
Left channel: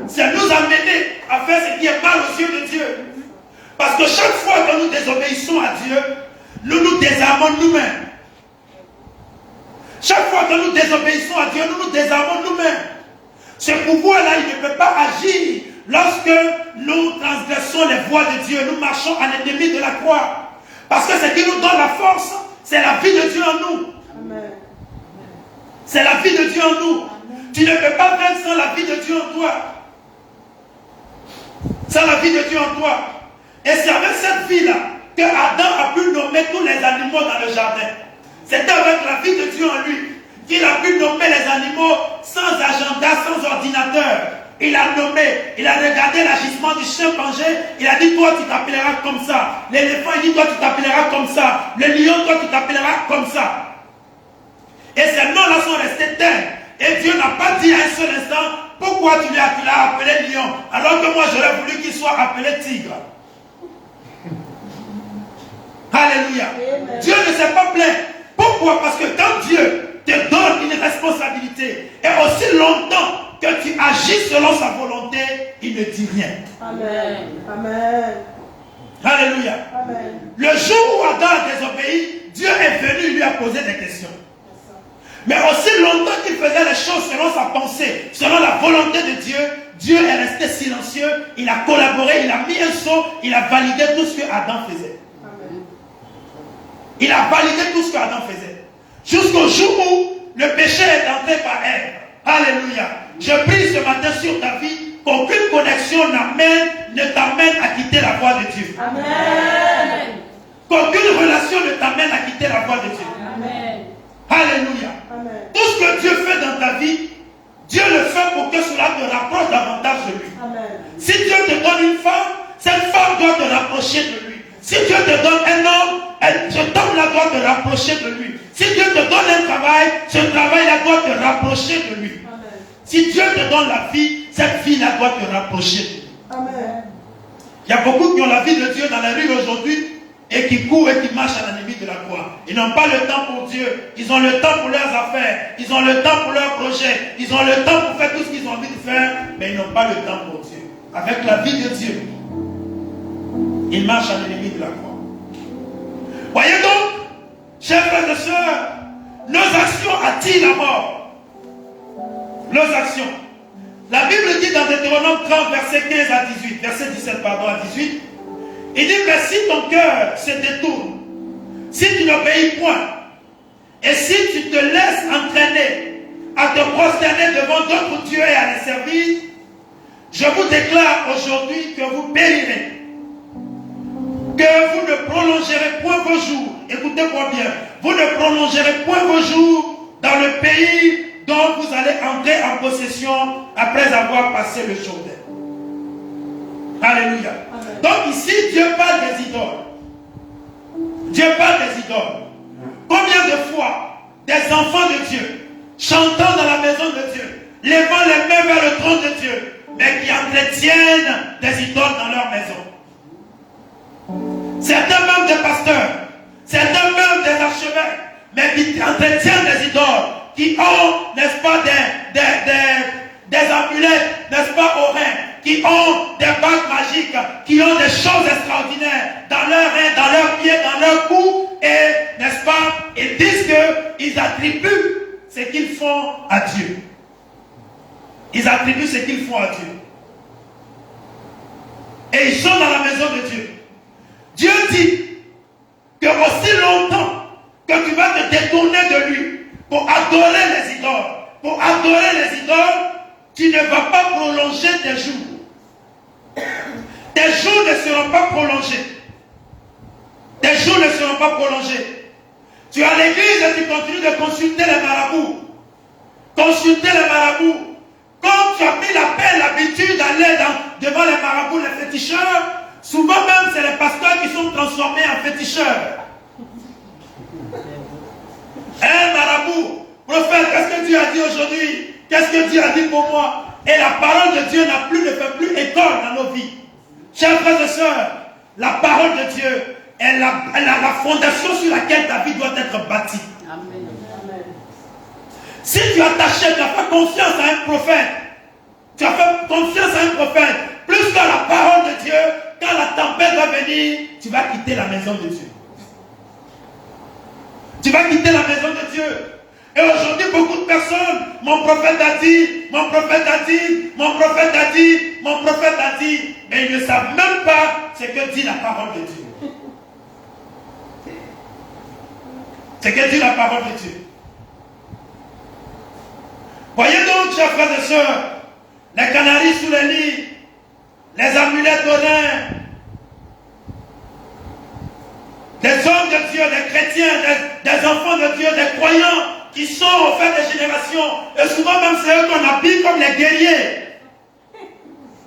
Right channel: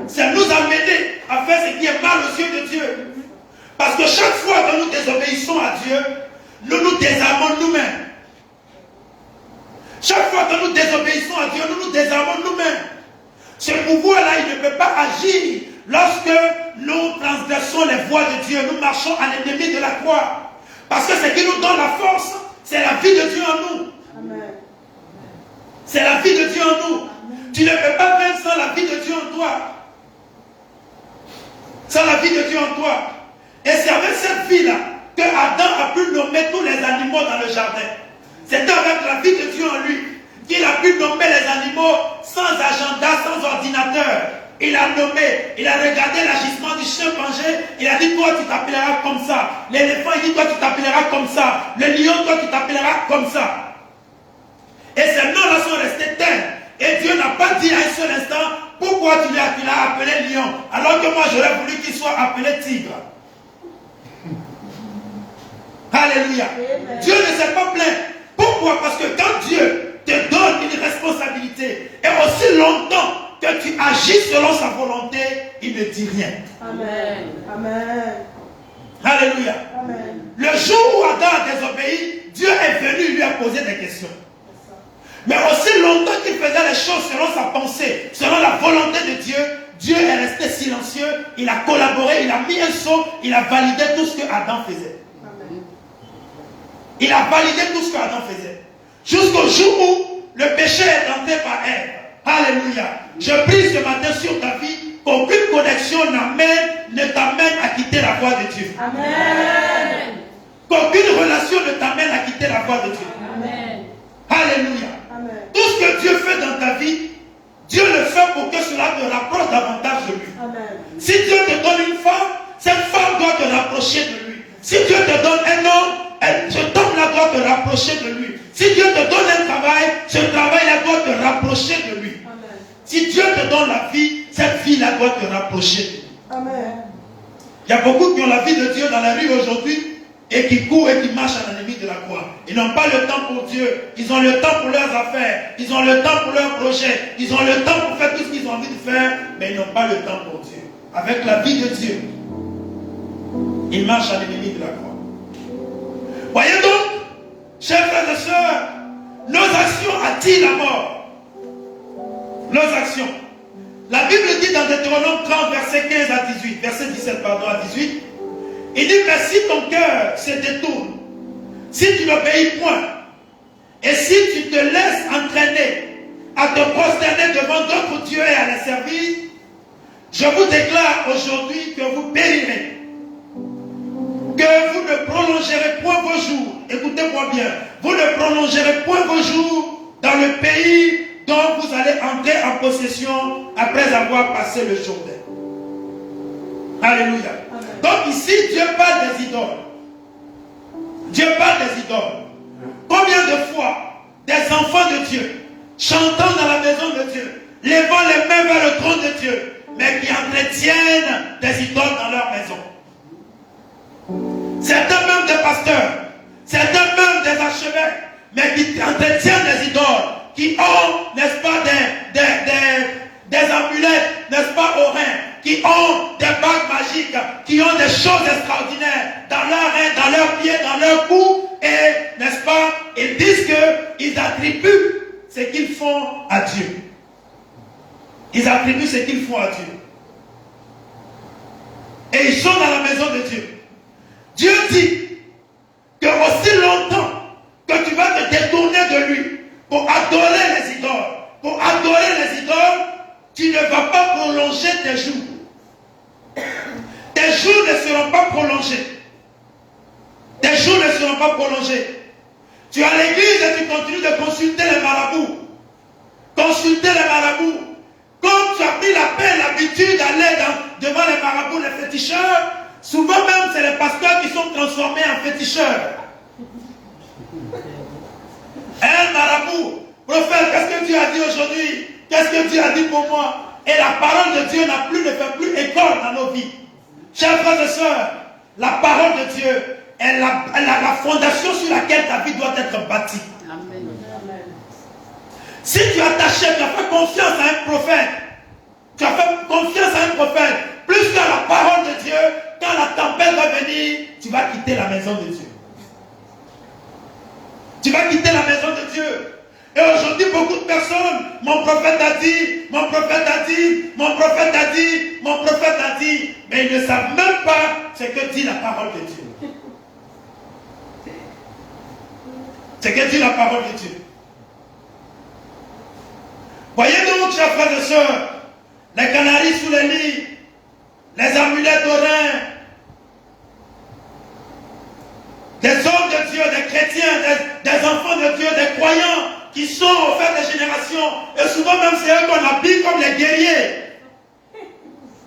c'est nous amener à faire ce qui est mal aux yeux de Dieu. Parce que chaque fois que nous désobéissons à Dieu, nous nous désarmons nous-mêmes. Chaque fois que nous désobéissons à Dieu, nous nous désarmons nous-mêmes. Ce pouvoir-là, il ne peut pas agir lorsque nous transgressons les voies de Dieu. Nous marchons à l'ennemi de la croix. Parce que ce qui nous donne la force, c'est la vie de Dieu en nous. C'est la vie de Dieu en nous. Tu ne peux pas vaincre sans la vie de Dieu en toi. Sans la vie de Dieu en toi. Et c'est avec cette vie-là que Adam a pu nommer tous les animaux dans le jardin. C'était avec la vie de Dieu en lui qu'il a pu nommer les animaux sans agenda, sans ordinateur. Il a nommé, il a regardé l'agissement du chimpanzé, il a dit, toi tu t'appelleras comme ça. L'éléphant, il dit, toi tu t'appelleras comme ça. Le lion, toi tu t'appelleras comme ça. Et ces noms-là sont restés tels. Et Dieu n'a pas dit à un seul instant, pourquoi tu l'as appelé lion, alors que moi j'aurais voulu qu'il soit appelé tigre. Alléluia. Dieu ne s'est pas plaint. Pourquoi? Parce que quand Dieu te donne une responsabilité, et aussi longtemps que tu agis selon sa volonté, il ne dit rien. Amen. Amen. Alléluia. Amen. Le jour où Adam a désobéi, Dieu est venu lui a posé des questions. Mais aussi longtemps qu'il faisait les choses selon sa pensée, selon la volonté de Dieu, Dieu est resté silencieux, il a collaboré, il a mis un son, il a validé tout ce que Adam faisait. Il a validé tout ce qu'Adam faisait. Jusqu'au jour où le péché est entré par Ève. Alléluia. Je prie ce matin sur ta vie qu'aucune connexion ne t'amène à quitter la voie de Dieu. Amen. Qu'aucune relation ne t'amène à quitter la voie de Dieu. Amen. Alléluia. Amen. Tout ce que Dieu fait dans ta vie, Dieu le fait pour que cela te rapproche davantage de lui. Amen. Si Dieu te donne une femme, cette femme doit te rapprocher de lui. Si Dieu te donne un homme, cet homme-là doit te rapprocher de lui. Si Dieu te donne un travail, ce travail-là doit te rapprocher de lui. Amen. Si Dieu te donne la vie, cette vie-là doit te rapprocher. Amen. Il y a beaucoup qui ont la vie de Dieu dans la rue aujourd'hui et qui courent et qui marchent à l'ennemi de la croix. Ils n'ont pas le temps pour Dieu. Ils ont le temps pour leurs affaires. Ils ont le temps pour leurs projets. Ils ont le temps pour faire tout ce qu'ils ont envie de faire, mais ils n'ont pas le temps pour Dieu. Avec la vie de Dieu, ils marchent à l'ennemi de la croix. Voyez donc, chers frères et sœurs, nos actions attirent la mort. Nos actions. La Bible dit dans Deutéronome 30, verset 15 à 18, verset 17, pardon, à 18, il dit que si ton cœur se détourne, si tu n'obéis point, et si tu te laisses entraîner à te prosterner devant d'autres dieux et à les servir, je vous déclare aujourd'hui que vous périrez. Que vous ne prolongerez point vos jours. Écoutez-moi bien. Vous ne prolongerez point vos jours dans le pays dont vous allez entrer en possession après avoir passé le Jourdain. Alléluia. Amen. Donc ici, Dieu parle des idoles. Dieu parle des idoles. Combien de fois des enfants de Dieu, chantant dans la maison de Dieu, levant les mains vers le trône de Dieu, mais qui entretiennent des idoles dans leur maison. Certains même des pasteurs, certains même des archevêques, mais qui entretiennent des idoles, qui ont, n'est-ce pas, des amulettes, n'est-ce pas, aux reins, qui ont des bagues magiques, qui ont des choses extraordinaires dans leurs reins, dans leurs pieds, dans leurs cou, et, n'est-ce pas, ils disent qu'ils attribuent ce qu'ils font à Dieu. Ils attribuent ce qu'ils font à Dieu. Et ils sont dans la maison de Dieu. Dieu dit que aussi longtemps que tu vas te détourner de lui pour adorer les idoles, tu ne vas pas prolonger tes jours. Tes jours ne seront pas prolongés. Tes jours ne seront pas prolongés. Tu es à l'église et tu continues de consulter les marabouts. Consulter les marabouts. Comme tu as pris l'habitude d'aller devant les marabouts, les féticheurs, souvent même c'est les pasteurs qui sont transformés en féticheurs. Un marabout, prophète, qu'est-ce que Dieu a dit aujourd'hui? Qu'est-ce que Dieu a dit pour moi? Et la parole de Dieu ne fait plus école dans nos vies. Chers frères et sœurs, la parole de Dieu est la fondation sur laquelle ta vie doit être bâtie. Amen. Si tu as attaché, tu as fait confiance à un prophète, plus que la parole de Dieu, quand la tempête va venir, tu vas quitter la maison de Dieu. Tu vas quitter la maison de Dieu. Et aujourd'hui, beaucoup de personnes, mon prophète a dit, mon prophète a dit, mon prophète a dit, mon prophète a dit, mais ils ne savent même pas ce que dit la parole de Dieu. Ce que dit la parole de Dieu. Voyez donc, chers frères et sœurs, les canaris sous les lits, les amulettes aux reins, des hommes de Dieu, des chrétiens, des enfants de Dieu, des croyants qui sont au fait des générations, et souvent même c'est eux qu'on habille comme les guerriers,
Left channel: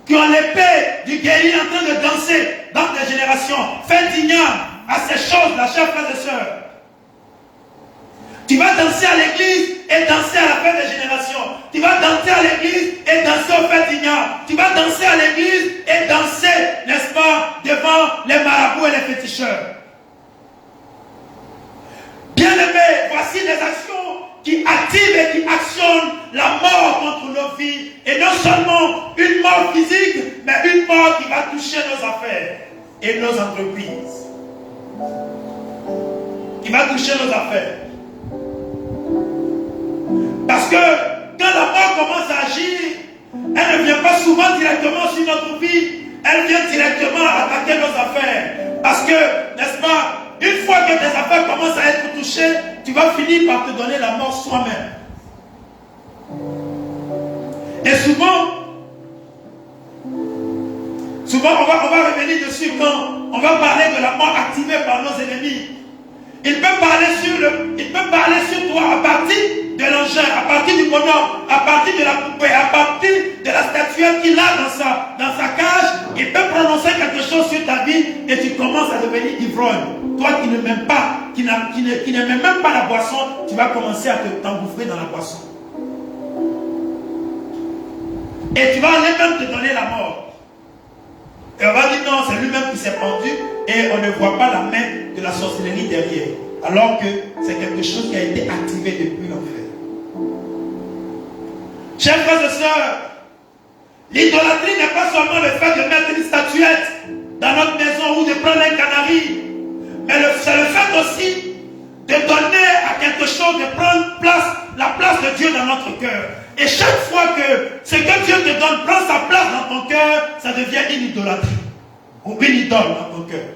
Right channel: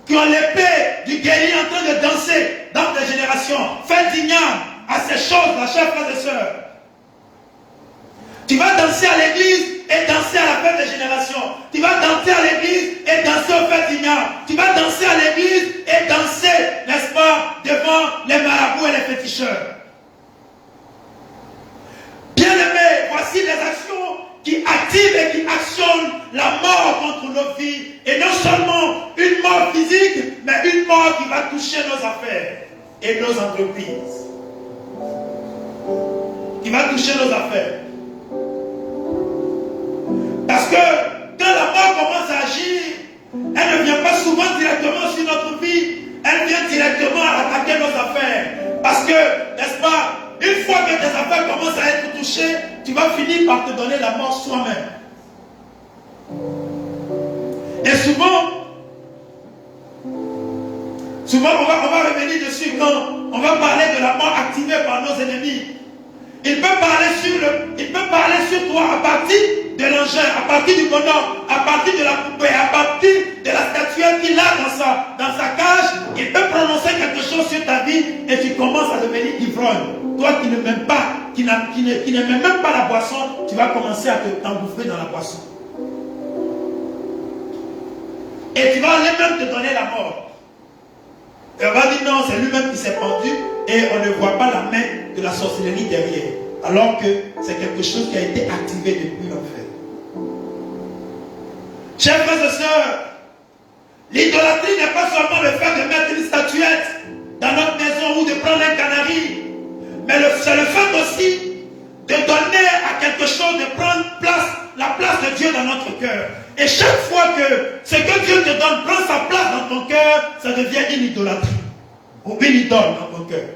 qui ont l'épée du guerrier en train de danser dans des générations. Faites d'igname à ces choses-là, chers frères et sœurs. Tu vas danser à l'église et danser à la fête des générations. Tu vas danser à l'église et danser au fait d'igname. Tu vas danser à l'église et danser, n'est-ce pas, devant les marabouts et les féticheurs. Bien-aimés, voici les actions qui activent et qui actionnent la mort contre nos vies. Et non seulement une mort physique, mais une mort qui va toucher nos affaires et nos entreprises. Qui va toucher nos affaires. Parce que quand la mort commence à agir, elle ne vient pas souvent directement sur notre vie, elle vient directement attaquer nos affaires. Parce que, n'est-ce pas, une fois que tes affaires commencent à être touchées, tu vas finir par te donner la mort soi-même. Et souvent on va revenir dessus quand on va parler de la mort activée par nos ennemis. Il peut parler sur toi à partir de l'engin, à partir du bonhomme, à partir de la poupée, à partir de la statuette qu'il a dans sa cage. Il peut prononcer quelque chose sur ta vie et tu commences à devenir ivrogne. Toi qui ne m'aimes pas, qui n'aime même pas la boisson, tu vas commencer à t'engouffrer dans la boisson. Et tu vas même te donner la mort. Et on va dire non, c'est lui-même qui s'est pendu et on ne voit pas la main de la sorcellerie derrière. Alors que c'est quelque chose qui a été activé depuis l'enfer. Chers frères et sœurs, l'idolâtrie n'est pas seulement le fait de mettre une statuette dans notre maison ou de prendre un canari, mais c'est le fait aussi de donner à quelque chose, de prendre la place de Dieu dans notre cœur. Et chaque fois que ce que Dieu te donne prend sa place dans ton cœur, ça devient une idolâtrie. Ou une idole dans ton cœur.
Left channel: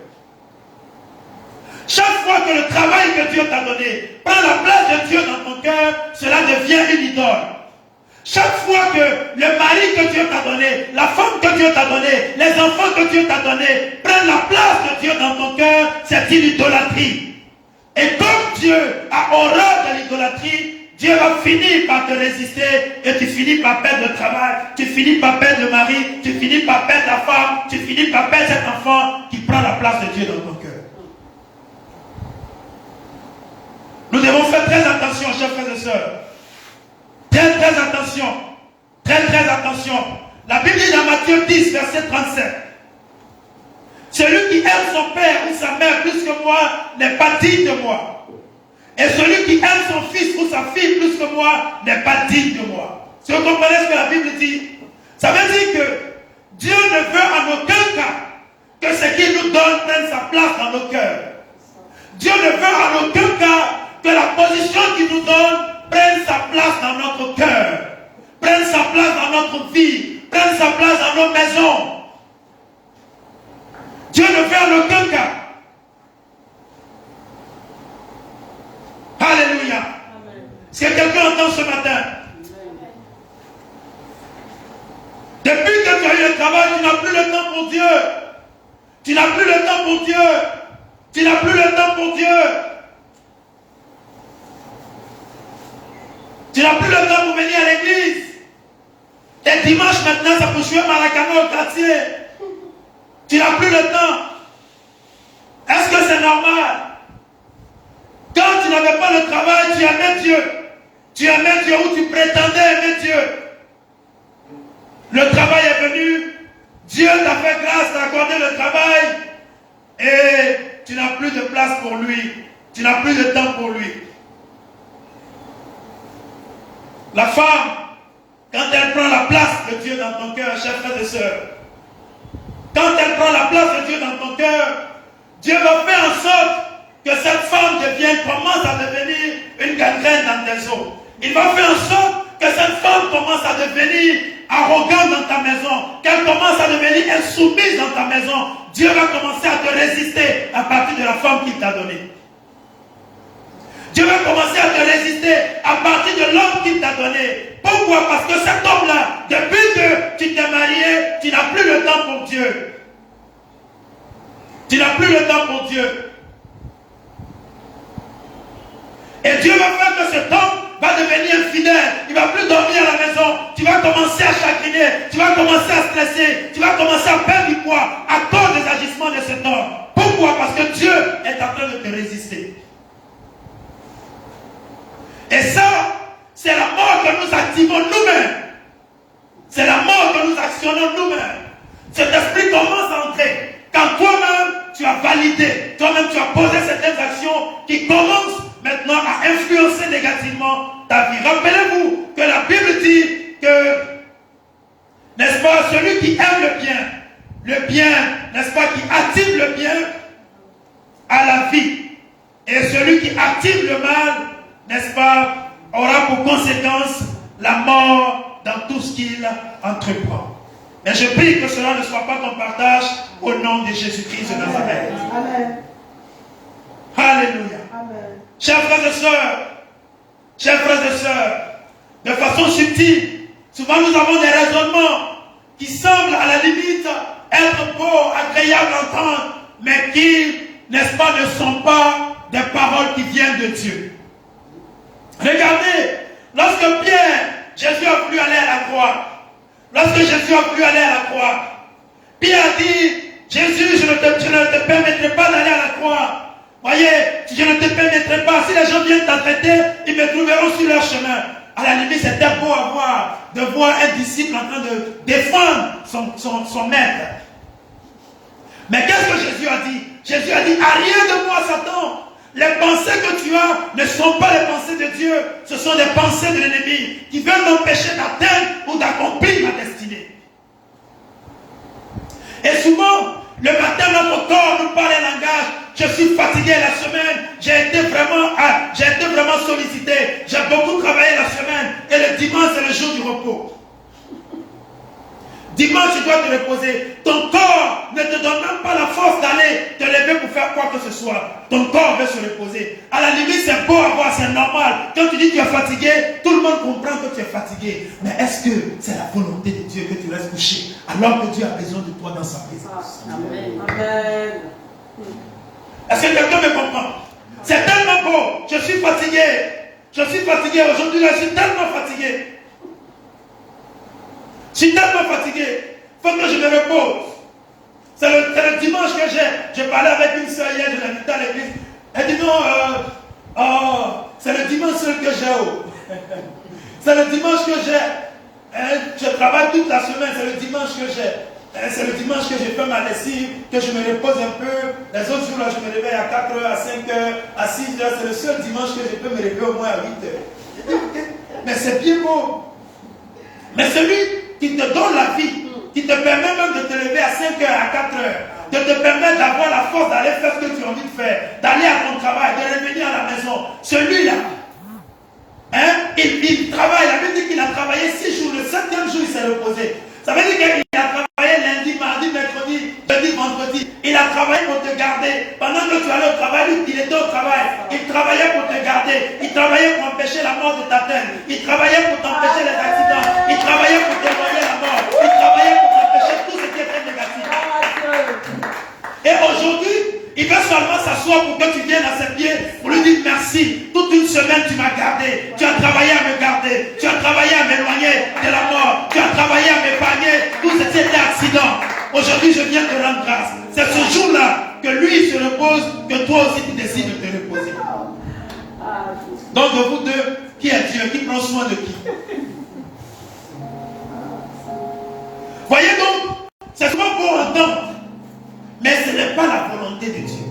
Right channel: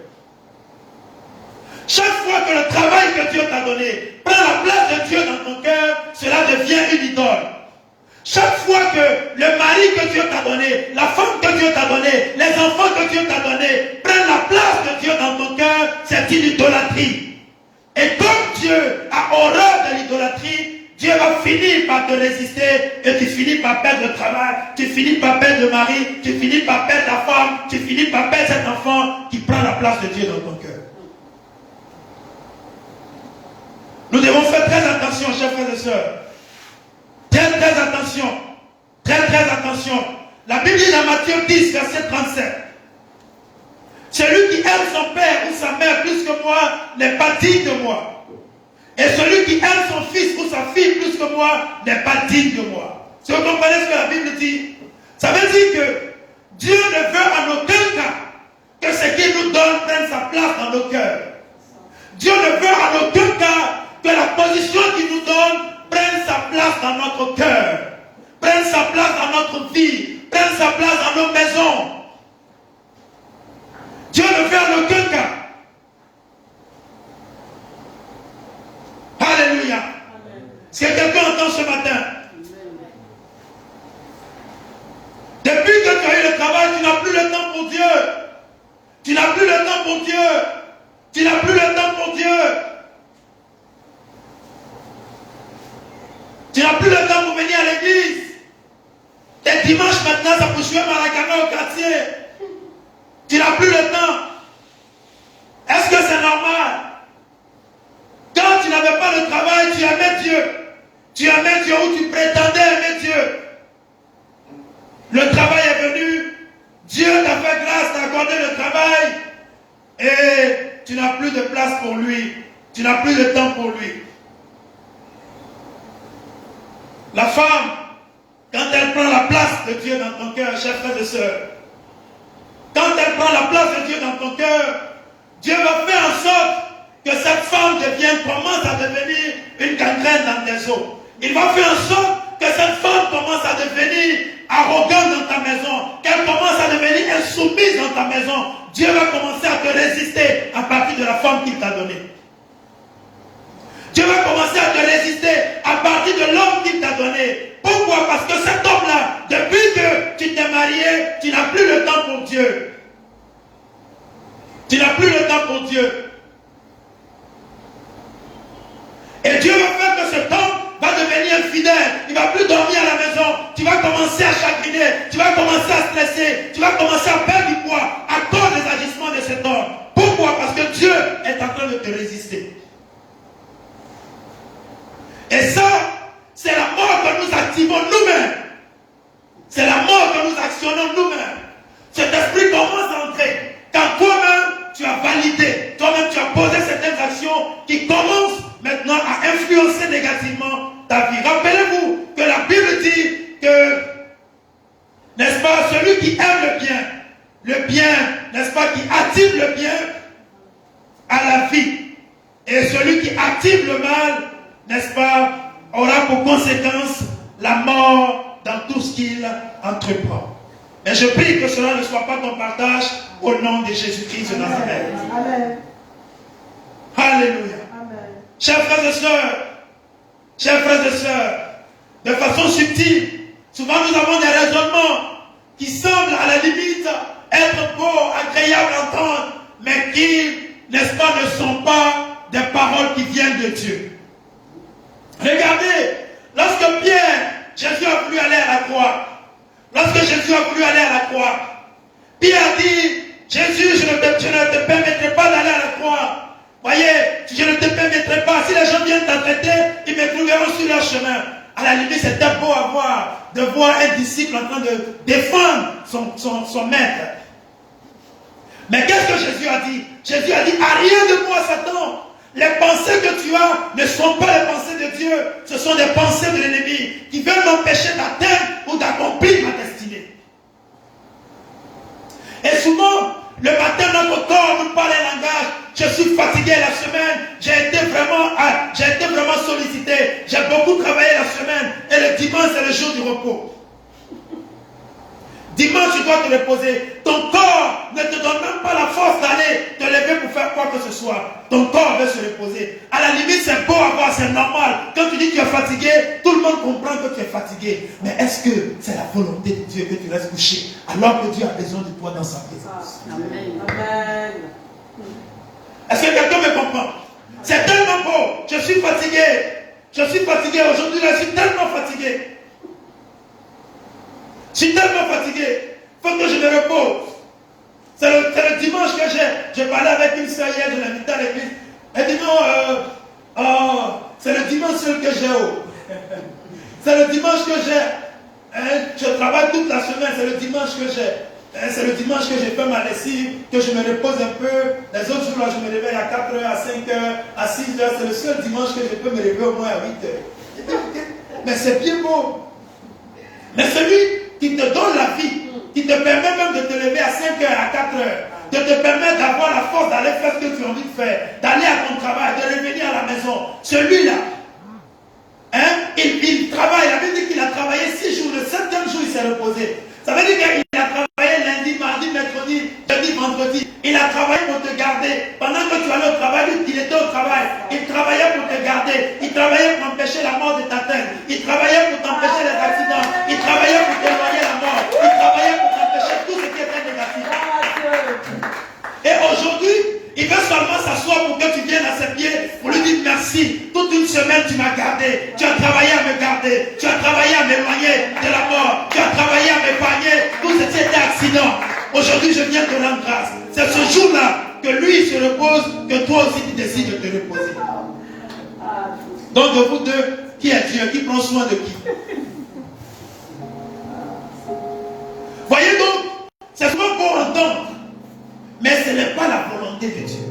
Chaque fois que le travail que Dieu t'a donné prend la place de Dieu dans ton cœur, cela devient une idole. Chaque fois que le mari que Dieu t'a donné, la femme que Dieu t'a donné, les enfants que Dieu t'a donné prennent la place de Dieu dans ton cœur, c'est une idolâtrie. Et comme Dieu a horreur de l'idolâtrie, Dieu va finir par te résister et tu finis par perdre le travail, tu finis par perdre le mari, tu finis par perdre ta femme, tu finis par perdre cet enfant qui prend la place de Dieu dans ton cœur. Nous devons faire très attention, chers frères et sœurs. Très, très attention. Très, très attention. La Bible dit dans Matthieu 10, verset 37. Celui qui aime son père ou sa mère plus que moi n'est pas digne de moi. Et celui qui aime son fils ou sa fille plus que moi n'est pas digne de moi. Si vous comprenez ce que la Bible dit, ça veut dire que Dieu ne veut en aucun cas que ce qu'il nous donne prenne sa place dans nos cœurs. Dieu ne veut en aucun cas que la position qu'il nous donne prenne sa place dans notre cœur, prenne sa place dans notre vie, prenne sa place dans nos maisons. Dieu ne veut en aucun cas. Alléluia. Est-ce que quelqu'un entend ce matin? Depuis que tu as eu le travail, tu n'as plus le temps pour Dieu. Tu n'as plus le temps pour Dieu. Tu n'as plus le temps pour Dieu. Tu n'as plus le temps pour venir à l'église. Et dimanche maintenant, ça peut jouer Maracana au quartier. Tu n'as plus le temps. Est-ce que c'est normal? Quand tu n'avais pas le travail, tu aimais Dieu. Tu aimais Dieu ou tu prétendais aimer Dieu. Le travail est venu. Dieu t'a fait grâce, t'a accordé le travail. Et tu n'as plus de place pour lui. Tu n'as plus de temps pour lui. La femme, quand elle prend la place de Dieu dans ton cœur, chers frères et sœurs, quand elle prend la place de Dieu dans ton cœur, Dieu va faire en sorte que cette femme commence à devenir une gangrène dans tes os. Il va faire en sorte que cette femme commence à devenir arrogante dans ta maison, qu'elle commence à devenir insoumise dans ta maison. Dieu va commencer à te résister à partir de la femme qu'il t'a donnée. Dieu va commencer à te résister à partir de l'homme qu'il t'a donné. Pourquoi? Parce que cet homme-là, depuis que tu t'es marié, tu n'as plus le temps pour Dieu. Tu n'as plus le temps pour Dieu. Et Dieu va faire que cet homme va devenir infidèle. Il ne va plus dormir à la maison. Tu vas commencer à chagriner. Tu vas commencer à stresser. Tu vas commencer à perdre du poids à cause des agissements de cet homme. Pourquoi? Parce que Dieu est en train de te résister. Et ça, c'est la mort que nous activons nous-mêmes. C'est la mort que nous actionnons nous-mêmes. Cet esprit commence à entrer. Quand toi-même, tu as validé, toi-même, tu as posé certaines actions qui commencent maintenant à influencer négativement ta vie. Rappelez-vous que la Bible dit que, n'est-ce pas, celui qui aime le bien, n'est-ce pas, qui active le bien, a la vie. Et celui qui active le mal, n'est-ce pas, aura pour conséquence la mort dans tout ce qu'il entreprend. Mais je prie que cela ne soit pas ton partage au nom de Jésus-Christ de Nazareth. Amen. Alléluia. Amen. Chers frères et sœurs, de façon subtile, souvent nous avons des raisonnements qui semblent à la limite être beaux, agréables à entendre, mais qui, n'est-ce pas, ne sont pas des paroles qui viennent de Dieu. Regardez, lorsque Jésus a voulu aller à la croix, Pierre a dit, Jésus, je ne te permettrai pas d'aller à la croix. Voyez, je ne te permettrai pas. Si les gens viennent t'arrêter, ils me trouveront sur leur chemin. À la limite, c'était beau de voir un disciple en train de défendre son maître. Mais qu'est-ce que Jésus a dit? Jésus a dit, arrière de moi, Satan. Les pensées que tu as ne sont pas les pensées de Dieu. Ce sont des pensées de l'ennemi qui veulent m'empêcher d'atteindre ou d'accomplir ma destinée. Et souvent, le matin, notre corps nous parle un langage. Je suis fatigué la semaine. J'ai été vraiment sollicité. J'ai beaucoup travaillé la semaine. Et le dimanche, c'est le jour du repos. Dimanche, tu dois te reposer. Ton corps ne te donne même pas la force d'aller te lever pour faire quoi que ce soit. Ton corps veut se reposer. À la limite, c'est beau à voir, c'est normal. Quand tu dis que tu es fatigué, tout le monde comprend que tu es fatigué. Mais est-ce que c'est la volonté de Dieu que tu restes couché alors que Dieu a besoin de toi dans sa présence? Amen. Est-ce que quelqu'un me comprend? C'est tellement beau. Je suis fatigué. Aujourd'hui, je suis tellement fatigué. Je suis tellement fatigué. Il faut que je me repose. C'est le dimanche que j'ai parlé avec une soeur hier, je l'ai invitée à l'église. Elle dit non, C'est le dimanche seul que j'ai. C'est le dimanche que j'ai. Je travaille toute la semaine, c'est le dimanche que j'ai. C'est le dimanche que j'ai fait ma lessive, que je me repose un peu. Les autres jours, là, je me réveille à 4h, à 5h, à 6h. C'est le seul dimanche que je peux me réveiller au moins à 8h. Mais c'est bien beau. Mais celui qui te donne la vie, qui te permet même de te lever à 5h, à 4h, de te permettre d'avoir la force d'aller faire ce que tu as envie de faire, d'aller à ton travail, de revenir à la maison, celui-là, il travaille. La Bible dit qu'il a travaillé 6 jours, le 7e jour il s'est reposé. Ça veut dire qu'il a travaillé lundi, mardi, mercredi, jeudi, vendredi. Il a travaillé pour te garder. Pendant que tu allais au travail, il était au travail. Il travaillait pour te garder. Il travaillait pour empêcher la mort de ta tête. Il travaillait pour t'empêcher les accidents. Il travaillait pour t'éloigner la mort. Il travaillait pour t'empêcher tout ce qui était négatif. Et aujourd'hui, il veut seulement s'asseoir pour que tu viennes à ses pieds pour lui dire merci. Toute une semaine, tu m'as gardé. Tu as travaillé à me garder. Tu as travaillé à m'éloigner de la mort. Tu as travaillé à m'épargner tout ce qui était accident. Aujourd'hui, je viens te rendre grâce. C'est ce jour-là que lui se repose, que toi aussi tu décides de te reposer. Donc, de vous deux, qui est Dieu? Qui prend soin de qui? Voyez donc, c'est souvent pour entendre. Mais ce n'est pas la volonté de Dieu.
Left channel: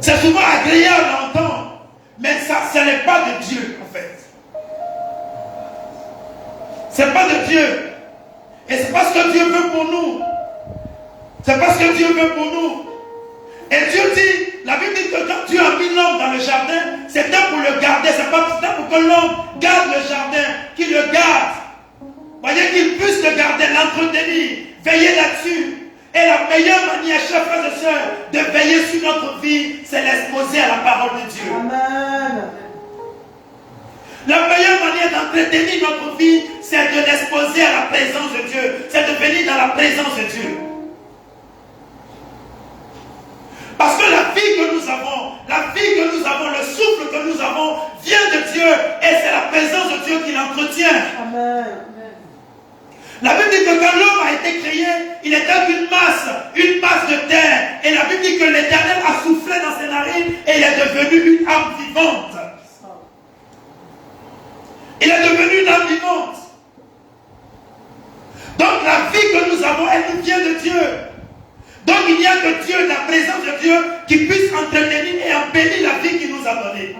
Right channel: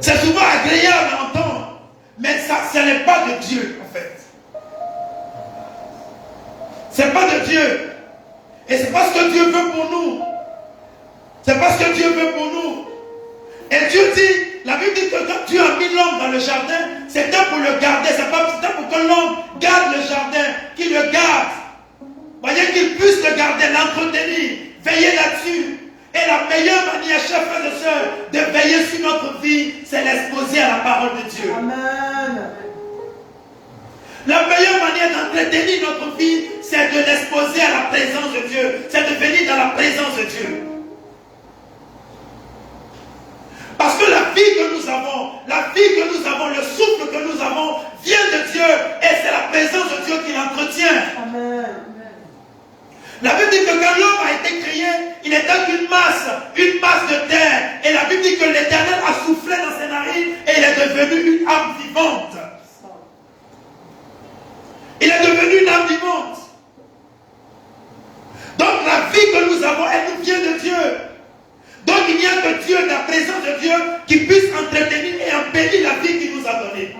C'est souvent agréable à entendre, mais ça, ce n'est pas de Dieu, en fait. Ce n'est pas de Dieu. Et c'est pas ce que Dieu veut pour nous. C'est pas ce que Dieu veut pour nous. Et Dieu dit, la Bible dit que quand Dieu a mis l'homme dans le jardin, c'était pour le garder. C'était pour que l'homme garde le jardin, qu'il le garde. Voyez, qu'il puisse le garder, l'entretenir, veiller là-dessus. Et la meilleure manière, chers frères et sœurs, de veiller sur notre vie, c'est l'exposer à la parole de Dieu. Amen. La meilleure manière d'entretenir notre vie, c'est de l'exposer à la présence de Dieu. C'est de venir dans la présence de Dieu. Parce que la vie que nous avons, le souffle que nous avons, vient de Dieu. Et c'est la présence de Dieu qui l'entretient. Amen. La Bible dit que quand l'homme a été créé, il était une masse de terre. Et la Bible dit que l'Éternel a soufflé dans ses narines et il est devenu une âme vivante. Il est devenu une âme vivante. Donc la vie que nous avons, elle nous vient de Dieu. Donc il n'y a que Dieu, la présence de Dieu, qui puisse entretenir et embellir la vie qu'il nous a donnée.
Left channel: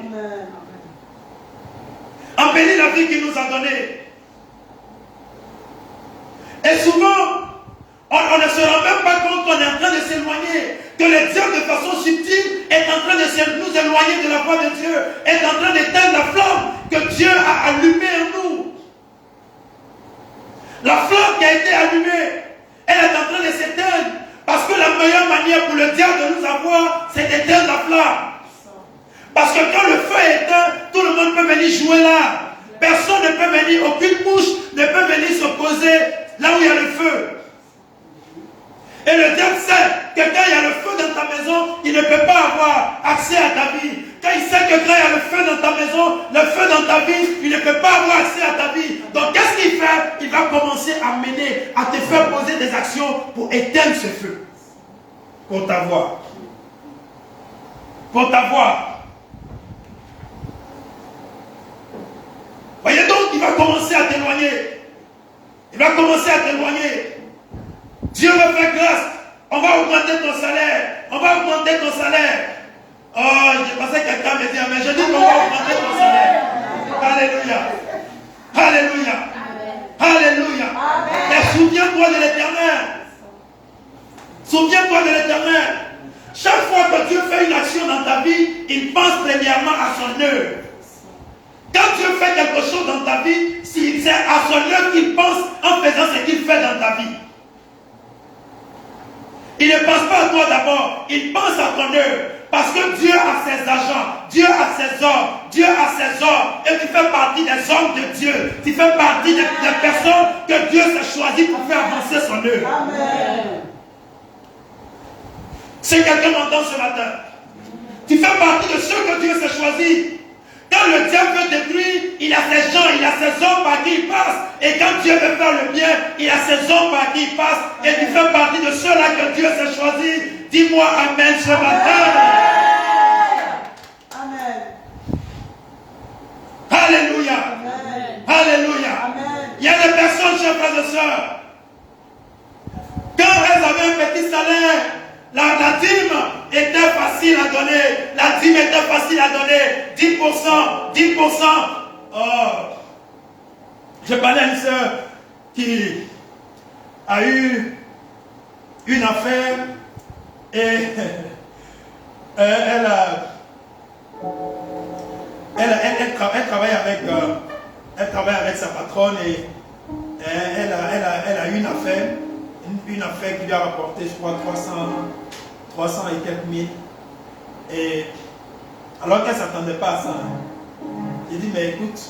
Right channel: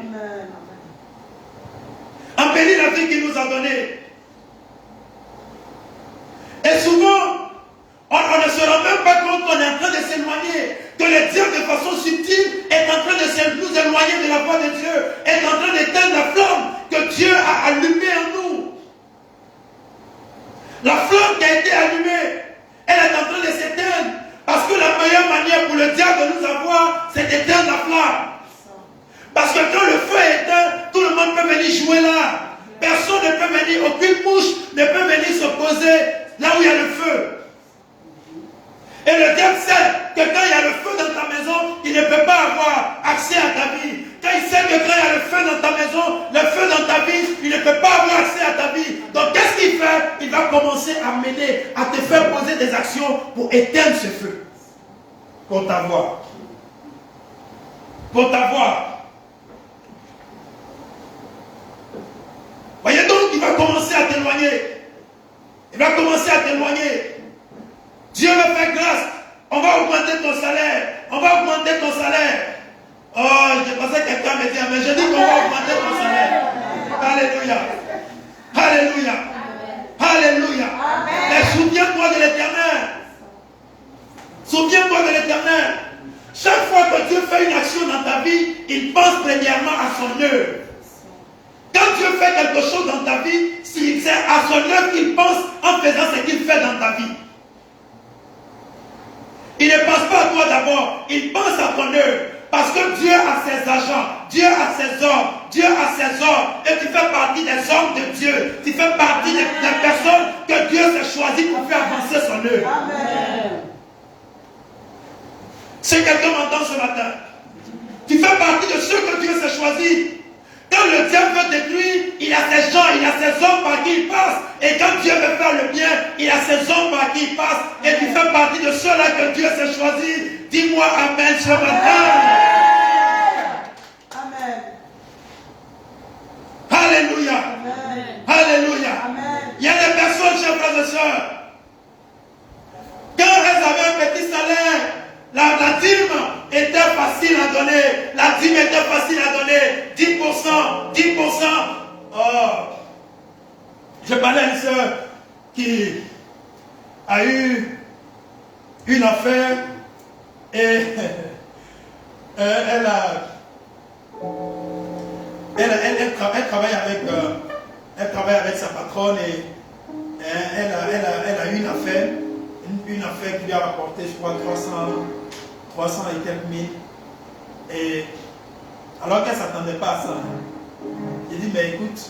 Embellir la vie qu'il nous a donnée. Et souvent, on ne se rend même pas compte qu'on est en train de s'éloigner, que le diable de façon subtile est en train de nous éloigner de la voie de Dieu, est en train d'éteindre la flamme que Dieu a allumée en nous. La flamme qui a été allumée, elle est en train de s'éteindre, parce que la meilleure manière pour le diable de nous avoir, c'est d'éteindre la flamme. Parce que quand le feu est éteint, tout le monde peut venir jouer là. Personne ne peut venir, aucune mouche ne peut venir se poser là où il y a le feu. Et le diable sait que quand il y a le feu dans ta maison, il ne peut pas avoir accès à ta vie. Quand il sait que quand il y a le feu dans ta maison, le feu dans ta vie, il ne peut pas avoir accès à ta vie. Donc qu'est-ce qu'il fait? Il va commencer à mener, à te faire poser des actions pour éteindre ce feu. Pour t'avoir. Pour t'avoir. Voyez donc, il va commencer à t'éloigner. Il va commencer à t'éloigner. Dieu va faire grâce. On va augmenter ton salaire. On va augmenter ton salaire. Oh, je pensais que quelqu'un me dit, mais je dis qu'on va augmenter ton salaire. Alléluia. Alléluia. Alléluia. Et souviens-toi de l'Éternel. Souviens-toi de l'Éternel. Chaque fois que Dieu fait une action dans ta vie, il pense premièrement à son œuvre. Quand Dieu fait quelque chose dans ta vie, c'est à son œuvre qu'il pense en faisant ce qu'il fait dans ta vie. Il ne pense pas à toi d'abord, il pense à ton œuvre. Parce que Dieu a ses agents, Dieu a ses hommes, Dieu a ses hommes. Et tu fais partie des hommes de Dieu. Tu fais partie des personnes que Dieu s'est choisi pour faire avancer son œuvre. Amen. Si quelqu'un m'entend ce matin, tu fais partie de ceux que Dieu s'est choisi. Quand le diable veut détruire, il a ses gens, il a ses hommes par qui il passe. Et quand Dieu veut faire le bien, il a ses hommes par qui il passe. Et tu fais partie de ceux-là que Dieu s'est choisi. Dis-moi Amen ce matin. Amen. Alléluia. Il y a des personnes, chers frères et sœurs, quand elles avaient un petit salaire, la dîme était facile à donner. La dîme était facile à donner. 10%, 10%. Oh. Je parlais à une sœur qui a eu une affaire et elle travaille avec sa patronne et elle a eu une affaire qui lui a rapporté, je crois, 300 et quelques mille. Et alors qu'elle ne s'attendait pas à ça, j'ai dit, mais écoute,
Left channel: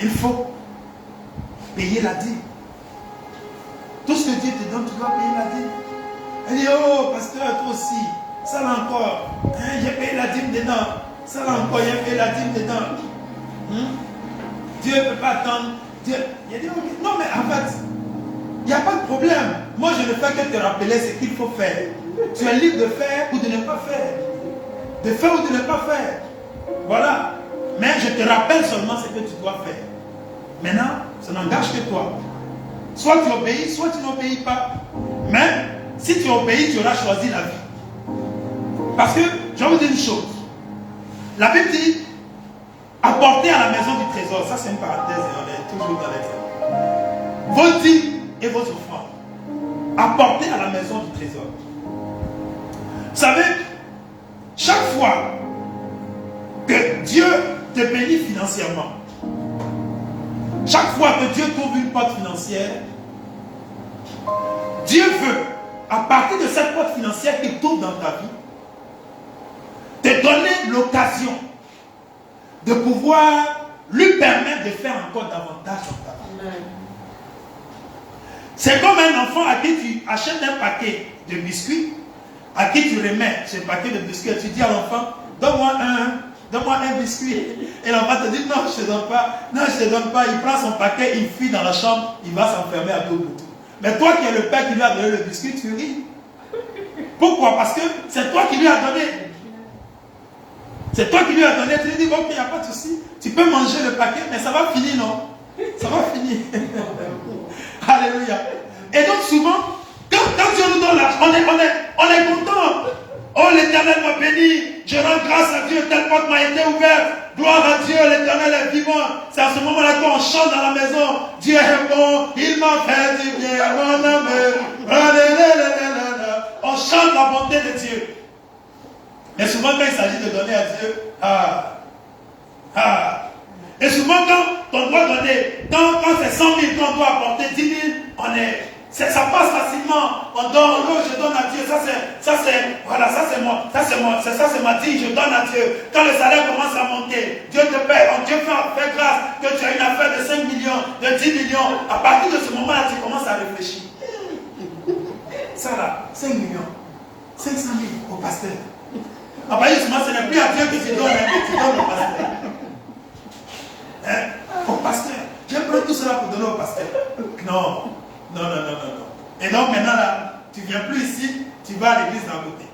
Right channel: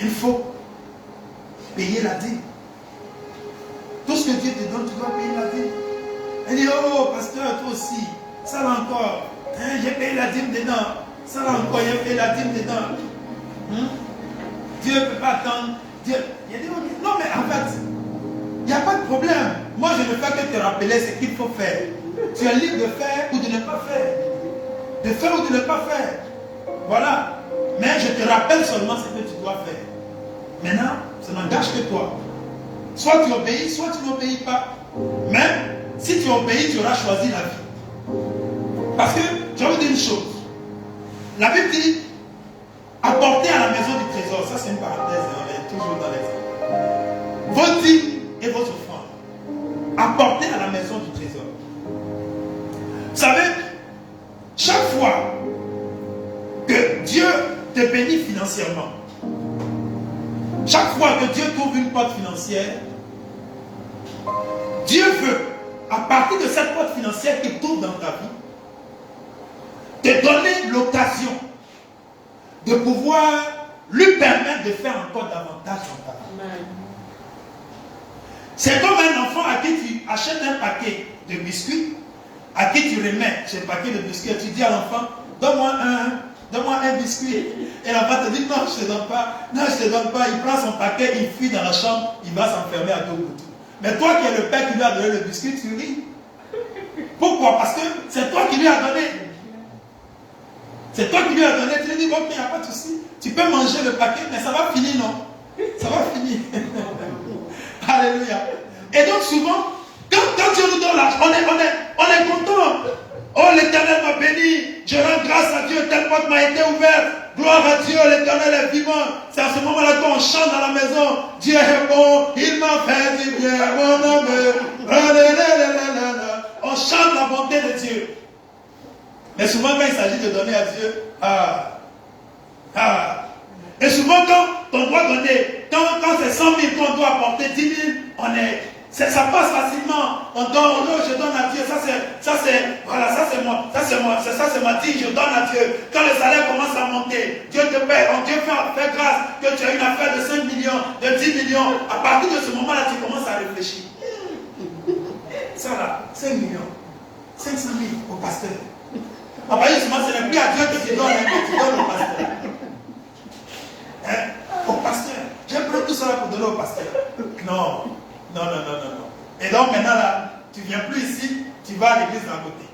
il faut payer la dîme. Tout ce que Dieu te donne, tu dois payer la dîme. Elle dit, oh, pasteur, toi aussi, ça là encore, hein, j'ai payé la dîme dedans. Ça là encore, j'ai payé la dîme dedans. Dieu ne peut pas attendre. Dieu, il a dit, okay. Non, mais en fait, il n'y a pas de problème. Moi, je ne fais que te rappeler ce qu'il faut faire. Tu es libre de faire ou de ne pas faire. De faire ou de ne pas faire. Voilà. Mais je te rappelle seulement ce que tu dois faire. Maintenant, ça n'engage que toi. Soit tu obéis, soit tu n'obéis pas. Mais si tu obéis, tu auras choisi la vie. Parce que, je vais vous dire une chose. La Bible dit, apportez à la maison du trésor. Ça, c'est une parenthèse, on est toujours dans l'exemple. Vos dîmes et vos offrandes. Apportez à la maison du trésor. Vous savez, chaque fois que Dieu te bénit financièrement, chaque fois que Dieu trouve une porte financière, Dieu veut, à partir de cette porte financière qu'il trouve dans ta vie, te donner l'occasion de pouvoir lui permettre de faire encore davantage dans ta vie. C'est comme un enfant à qui tu achètes un paquet de biscuits, à qui tu remets ce paquet de biscuits, et tu dis à l'enfant, donne-moi un biscuit. Et l'enfant te dit, non, je ne te donne pas. Non, je ne te donne pas. Il prend son paquet, il fuit dans la chambre, il va s'enfermer à tout bout. Mais toi qui es le père qui lui a donné le biscuit, tu ris. Pourquoi? Parce que c'est toi qui lui as donné. C'est toi qui lui as donné. Tu lui dis, ok, il n'y a pas de souci. Tu peux manger le paquet, mais ça va finir, non? Ça va finir. Alléluia. Et donc souvent, quand Dieu nous donne l'argent, on est content. Oh, l'Éternel m'a béni. Je rends grâce à Dieu, telle porte m'a été ouverte. Gloire à Dieu, l'Éternel est vivant. C'est à ce moment-là qu'on chante dans la maison. Dieu est bon, il m'a fait du bien, mon amour. On chante la bonté de Dieu. Mais souvent, quand il s'agit de donner à Dieu, et souvent, quand on doit donner, quand c'est 100 000 qu'on doit apporter 10 000, ça passe facilement. On donne, oh, je donne à Dieu. Voilà, ça c'est moi. Ça c'est ma dîme, je donne à Dieu. Quand le salaire commence à monter, Dieu te paie. Dieu fait grâce que tu as une affaire de 5 millions, de 10 millions. À partir de ce moment-là, tu commences à réfléchir. Ça là, 5 millions, 500 000 au pasteur. Ah bah justement, ce n'est plus à Dieu que tu donnes, tu donnes au pasteur. Au pasteur. J'ai pris tout cela pour donner au pasteur. Non. Et donc maintenant là, tu ne viens plus ici, tu vas à l'église d'à côté.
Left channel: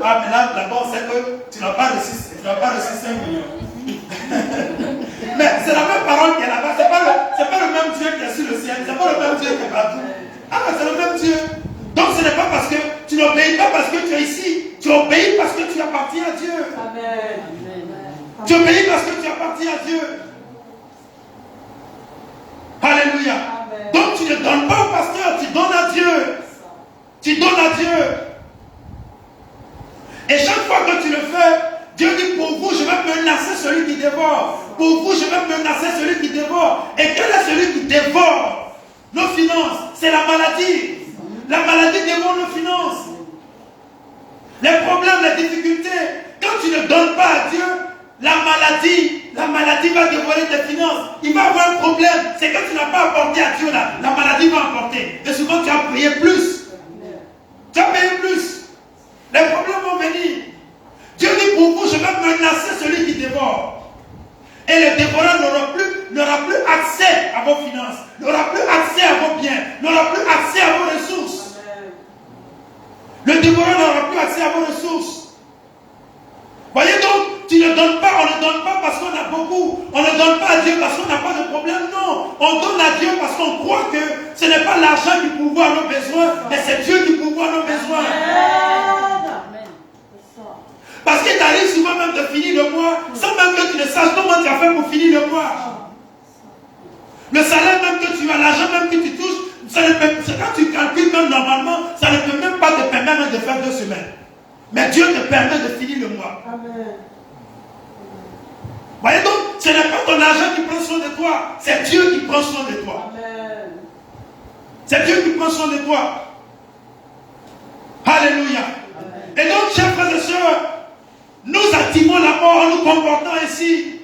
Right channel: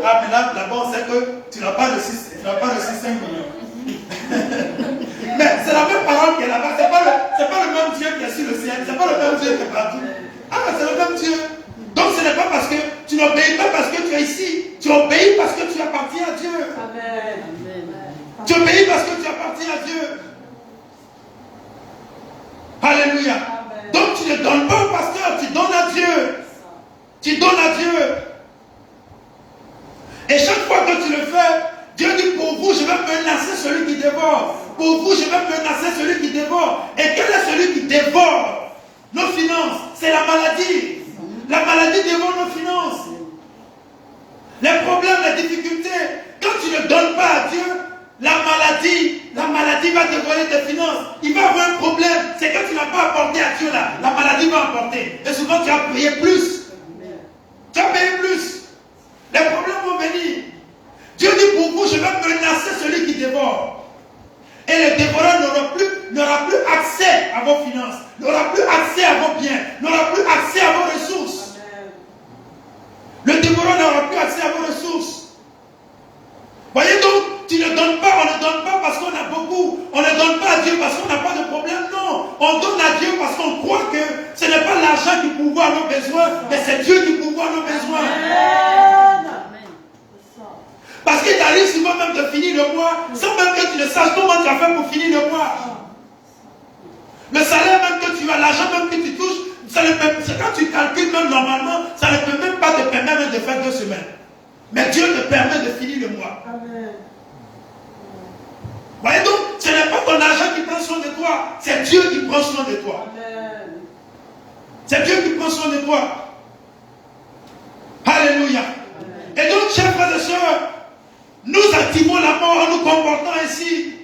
Ah, mais là-bas, on sait que tu n'as pas reçu 5 millions. Mais c'est la même parole qui est là-bas. C'est pas le même Dieu qui est sur le ciel. C'est pas le même Dieu qui est partout. Ah, c'est le même Dieu. Donc ce n'est pas parce que tu n'obéis pas parce que tu es ici. Tu obéis parce que tu appartiens à Dieu. Amen. Tu obéis parce que tu appartiens à Dieu. Alléluia. Amen. Donc tu ne donnes pas au pasteur, tu donnes à Dieu. Tu donnes à Dieu. Et chaque fois que tu le fais, Dieu dit, pour vous, je vais menacer celui qui dévore. Pour vous, je vais menacer celui qui dévore. Et quel est celui qui dévore nos finances? C'est la maladie. La maladie dévore nos finances. Les problèmes, les difficultés. Quand tu ne donnes pas à Dieu, la maladie va dévorer tes finances. Il va avoir un problème. C'est que tu n'as pas apporté à Dieu là. La maladie va apporter. Et souvent tu as payé plus. Tu as payé plus. Les problèmes vont venir. Dieu dit, pour vous, je vais menacer celui qui dévore. Et le dévoreur n'aura plus accès à vos finances, n'aura plus accès à vos biens, n'aura plus accès à vos ressources. Le dévoreur n'aura plus accès à vos ressources. Voyez donc, tu ne donnes pas, on ne donne pas parce qu'on a beaucoup. On ne donne pas à Dieu Dieu parce qu'on n'a pas de problème. Non. On donne à Dieu parce qu'on croit que ce n'est pas l'argent qui pourvoit nos besoins, mais c'est Dieu qui pourvoit nos besoins. Parce qu'il t'arrive souvent même de finir le mois, sans même que tu ne saches comment tu as fait pour finir le mois. Le salaire même que tu as, l'argent même que tu touches, quand tu calcules même normalement, ça ne peut même pas te permettre de faire 2 semaines. Mais Dieu te permet de finir le mois. Voyez donc, ce n'est pas ton argent qui prend soin de toi, c'est Dieu qui prend soin de toi. C'est Dieu qui prend soin de toi. Alléluia. Et donc, chers frères et sœurs, nous activons la mort en nous comportant ainsi.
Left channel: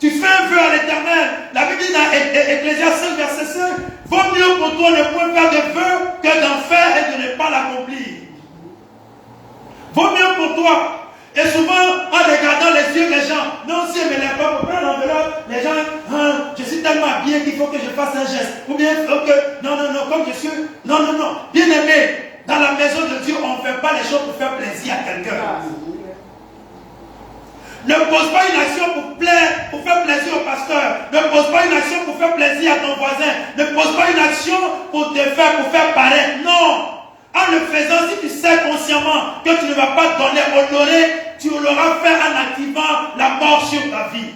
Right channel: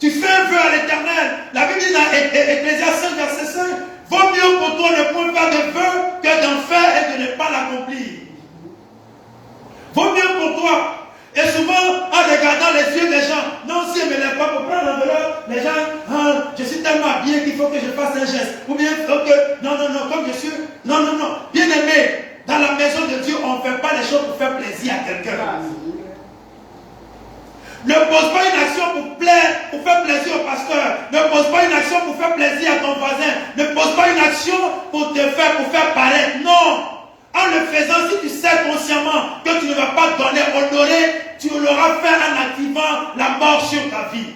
Tu fais un vœu à l'Éternel. La Bible dit dans Ecclésiaste 5, verset 5, vaut mieux pour toi ne point faire de vœu que d'en faire et de ne pas l'accomplir. Vaut mieux pour toi. Et souvent, en regardant les yeux des gens, non, si elle ne me lève pas pour prendre l'enveloppe, les gens, je suis tellement habillé qu'il faut que je fasse un geste. Ou bien, non, comme je suis, non. Bien aimé, dans la maison de Dieu, on ne fait pas les choses pour faire plaisir à quelqu'un. Ne pose pas une action pour faire plaisir au pasteur. Ne pose pas une action pour faire plaisir à ton voisin. Ne pose pas une action pour faire paraître. Non. En le faisant, si tu sais consciemment que tu ne vas pas donner, honorer, tu l'auras fait en activant la mort sur ta vie.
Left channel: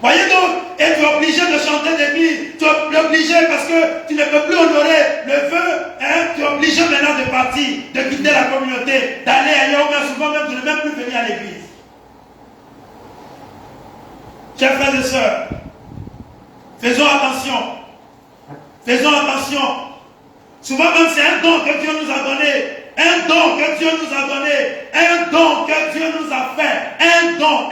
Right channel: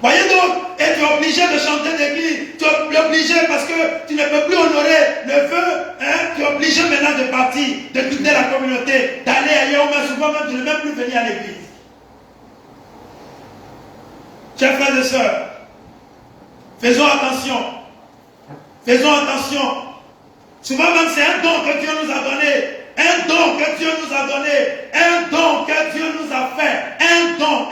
Voyez donc, et tu es obligé de chanter des billes, tu es obligé parce que tu ne peux plus honorer le vœu, tu es obligé maintenant de partir, de quitter la communauté, d'aller ailleurs, mais souvent même de ne même plus venir à l'église. Chers frères et sœurs, faisons attention. Faisons attention. Souvent même c'est un don que Dieu nous a donné. Un don que Dieu nous a donné. Un don que Dieu nous a fait. Un don.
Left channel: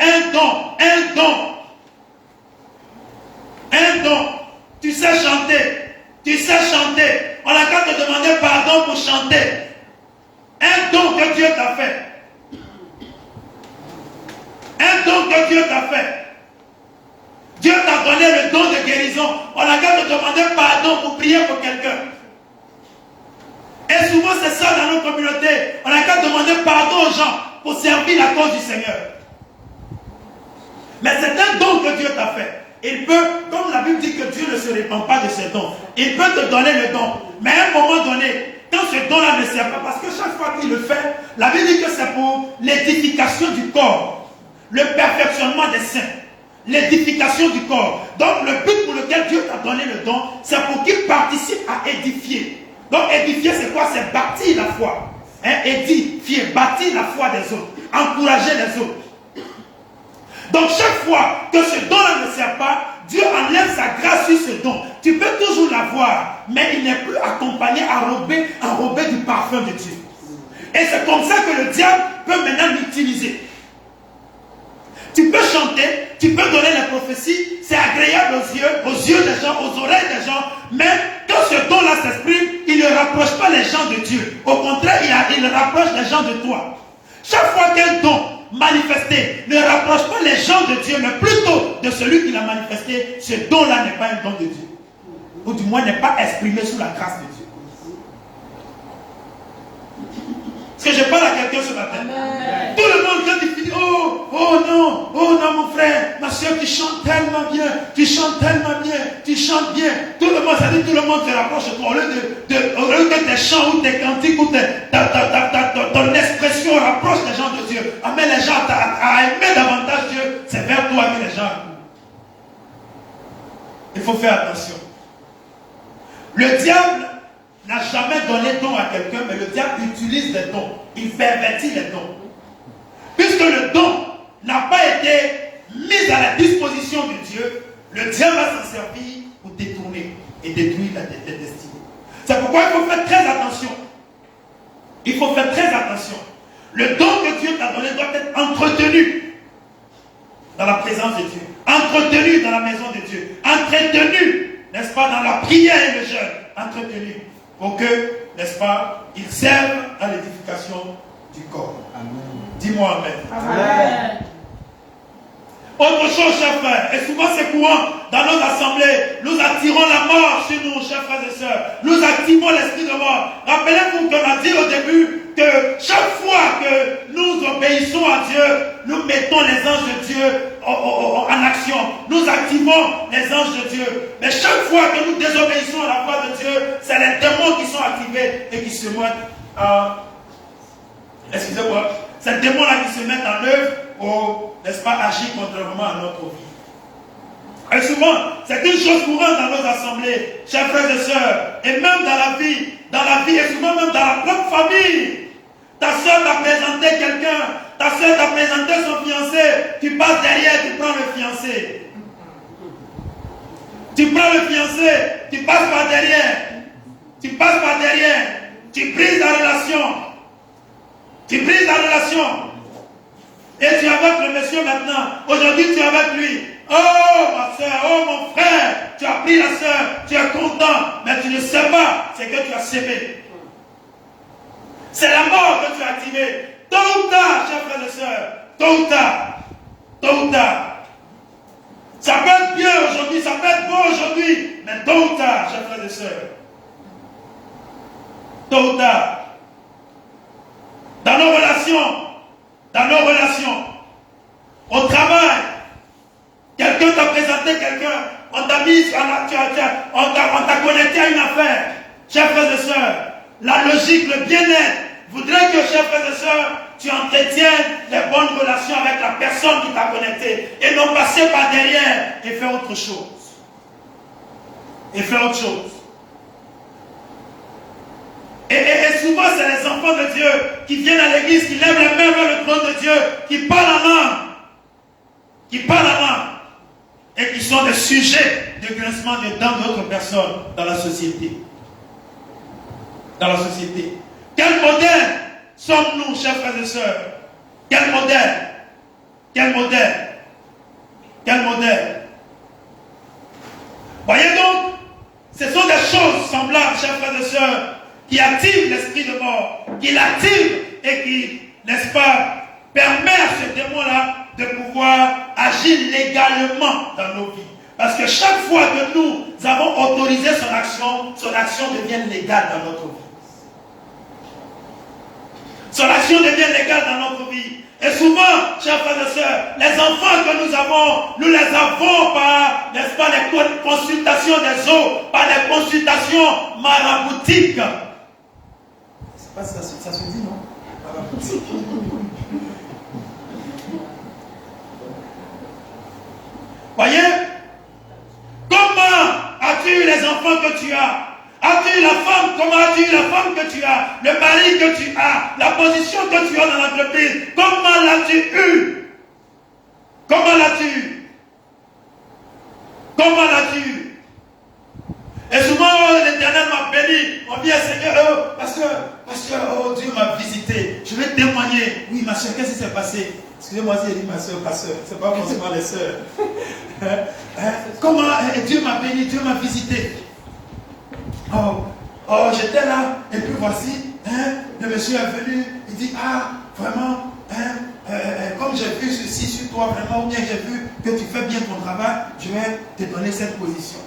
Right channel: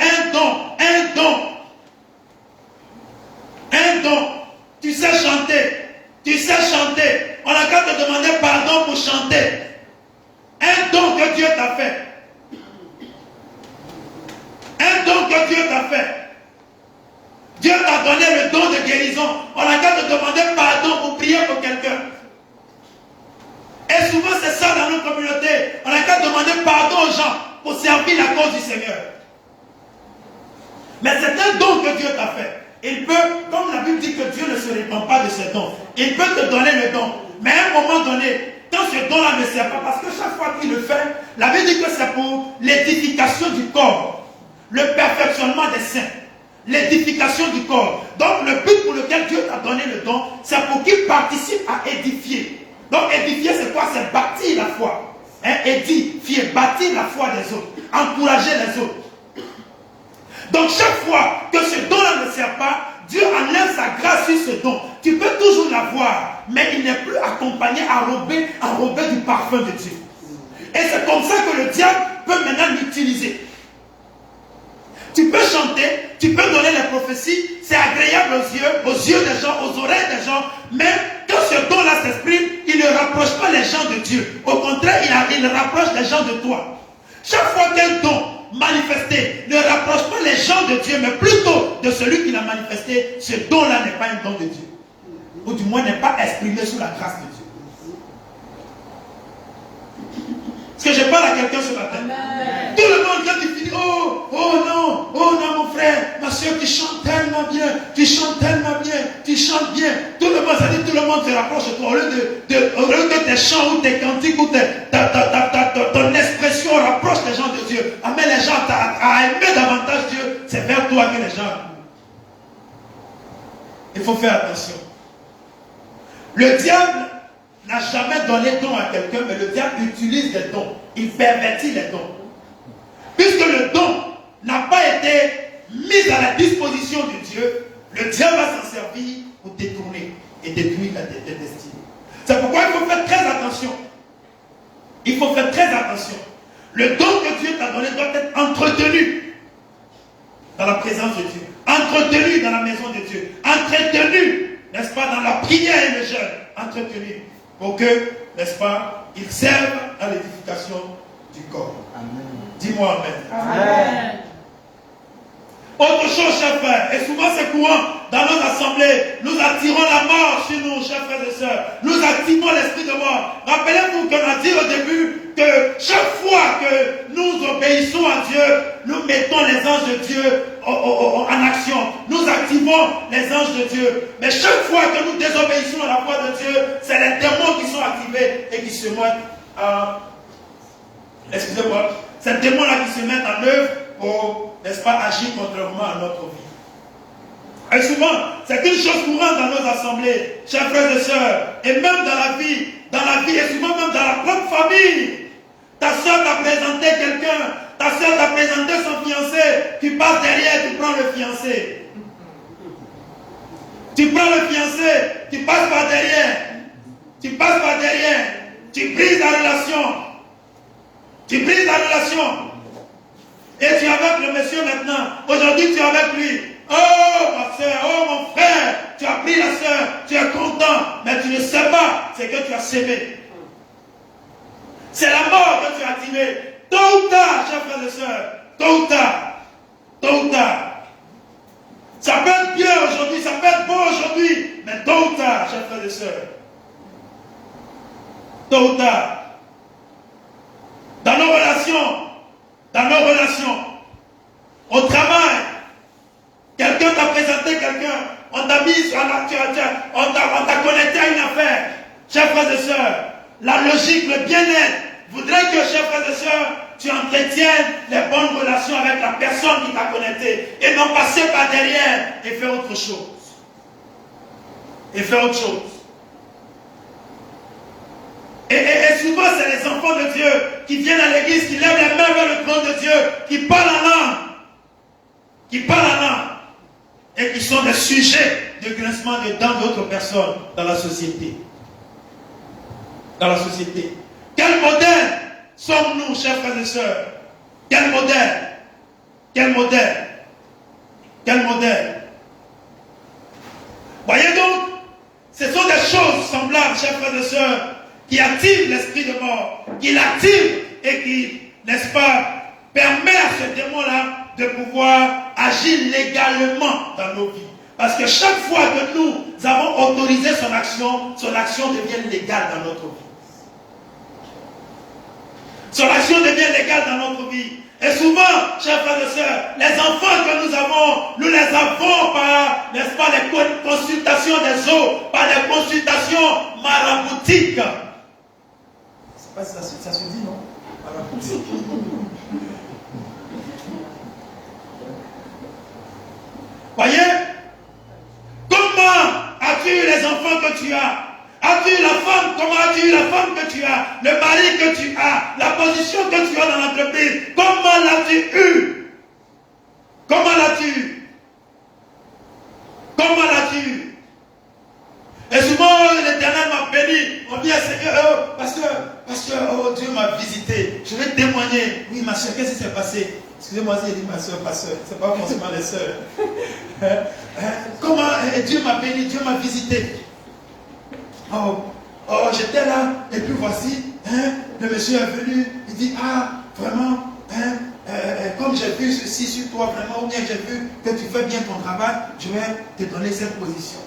Tu sais chanter. On n'a qu'à te demander pardon pour chanter. Un don que Dieu t'a fait. Dieu t'a donné le don de guérison. On n'a qu'à te demander pardon pour prier pour quelqu'un. Et souvent c'est ça dans nos communautés. On n'a qu'à demander pardon aux gens pour servir la cause du Seigneur. Mais c'est un don que Dieu t'a fait. Il peut, comme la Bible dit que Dieu ne se répand pas de ses dons, il peut te donner le don. Mais à un moment donné, quand ce don-là ne sert pas, parce que chaque fois qu'il le fait, la Bible dit que c'est pour l'édification du corps, le perfectionnement des saints, l'édification du corps. Donc le but pour lequel Dieu t'a donné le don, c'est pour qu'il participe à édifier. Donc édifier c'est quoi? C'est bâtir la foi. Édifier, bâtir la foi des autres, encourager les autres. Donc chaque fois que ce don-là ne sert pas, Dieu enlève sa grâce sur ce don. Tu peux toujours l'avoir, mais il n'est plus accompagné, enrobé du parfum de Dieu. Et c'est comme ça que le diable peut maintenant l'utiliser. Tu peux chanter, tu peux donner les prophéties, c'est agréable aux yeux des gens, aux oreilles des gens, mais quand ce don-là s'exprime, il ne rapproche pas les gens de Dieu. Au contraire, il rapproche les gens de toi. Chaque fois qu'un don manifesté ne rapproche pas les gens de Dieu, mais plutôt de celui qui l'a manifesté, ce don-là n'est pas un don de Dieu. Ou du moins n'est pas exprimé sous la grâce de Dieu. Est-ce que je parle à quelqu'un ce matin? Amen. Tout le monde vient de finir. Oh non, mon frère, ma soeur, tu chantes tellement bien, tu chantes bien. Tout le monde, ça dit, tout le monde te rapproche de toi. Au lieu que tes chants ou tes cantiques ou ton expression rapproche les gens de Dieu, amène les gens à aimer davantage Dieu, c'est vers toi que les gens. Il faut faire attention. Le diable n'a jamais donné don à quelqu'un, mais le diable utilise des dons. Il pervertit les dons. Puisque le don n'a pas été mis à la disposition de Dieu, le diable va s'en servir pour détourner et détruire la destinée. C'est pourquoi il faut faire très attention. Il faut faire très attention. Le don que Dieu t'a donné doit être entretenu dans la présence de Dieu, entretenu dans la maison de Dieu, entretenu, n'est-ce pas, dans la prière et le jeûne, entretenu. Pour que, n'est-ce pas, il serve à l'édification du corps. Amen. Dis-moi Amen. Amen. Autre chose, chers frères, et souvent c'est courant dans nos assemblées, nous attirons la mort chez nous, chers frères et sœurs. Nous activons l'esprit de mort. Rappelez-vous qu'on a dit au début que chaque fois que nous obéissons à Dieu, nous mettons les anges de Dieu en action. Nous activons les anges de Dieu. Mais chaque fois que nous désobéissons à la voix de Dieu, c'est les démons qui sont activés et qui se mettent excusez-moi, c'est les démons-là qui se mettent en œuvre pour, n'est-ce pas, agir contrairement à notre vie. Et souvent, c'est une chose courante dans nos assemblées, chers frères et sœurs, et même dans la vie, et souvent même dans la propre famille. Ta soeur t'a présenté quelqu'un, ta soeur t'a présenté son fiancé, tu passes derrière, tu prends le fiancé. Tu prends le fiancé, tu passes par derrière, tu brises la relation. Tu brises la relation. Et tu es avec le monsieur maintenant. Aujourd'hui, tu es avec lui. Oh, ma soeur, oh, mon frère, tu as pris la soeur, tu es content, mais tu ne sais pas ce que tu as sémé. C'est la mort que tu as activée. Tôt ou tard, chers frères et sœurs, tôt ou tard. Ça peut être bien aujourd'hui, ça peut être bon aujourd'hui, mais tôt ou tard, chers frères et sœurs. Tôt ou tard. Dans nos relations, au travail, quelqu'un t'a présenté quelqu'un, on t'a mis, on t'a connecté à une affaire. Chers frères et sœurs, la logique, le bien-être voudrait que, chers frères et sœurs, tu entretiennes les bonnes relations avec la personne qui t'a connecté et non passer par derrière et faire autre chose. Et souvent, c'est les enfants de Dieu qui viennent à l'église, qui lèvent les mains vers le trône de Dieu, qui parlent en langue, et qui sont des sujets de grincement de dents d'autres personnes dans la société. Quel modèle sommes-nous, chers frères et sœurs? Quel modèle? Voyez donc, ce sont des choses semblables, chers frères et sœurs, qui activent l'esprit de mort, qui l'active et qui, n'est-ce pas, permet à ce démon-là de pouvoir agir légalement dans nos vies. Parce que chaque fois que nous avons autorisé son action devient légale dans notre vie. Son action devient légale dans notre vie. Et souvent, chers frères et sœurs, les enfants que nous les avons par, n'est-ce pas, les consultations des eaux, par les consultations maraboutiques. Je ne sais pas si ça se dit, non? Maraboutique. Voyez? Comment as-tu eu les enfants que tu as? As-tu eu la femme? Comment as-tu eu la femme que tu as? Le mari que tu as? La position que tu as dans l'entreprise? Comment l'as-tu eu? Et souvent, l'Éternel m'a béni. On vient, Seigneur, pasteur, oh, Dieu m'a visité. Je vais témoigner. Oui, ma soeur, qu'est-ce qui s'est passé? Excusez-moi si j'ai dit ma soeur, pasteur. Ce n'est pas forcément les soeurs. Comment Dieu m'a béni, Dieu m'a visité. Oh, j'étais là, et puis voici, le monsieur est venu, il dit, vraiment, comme j'ai vu ceci sur toi, vraiment, ou bien j'ai vu que tu fais bien ton travail, je vais te donner cette position.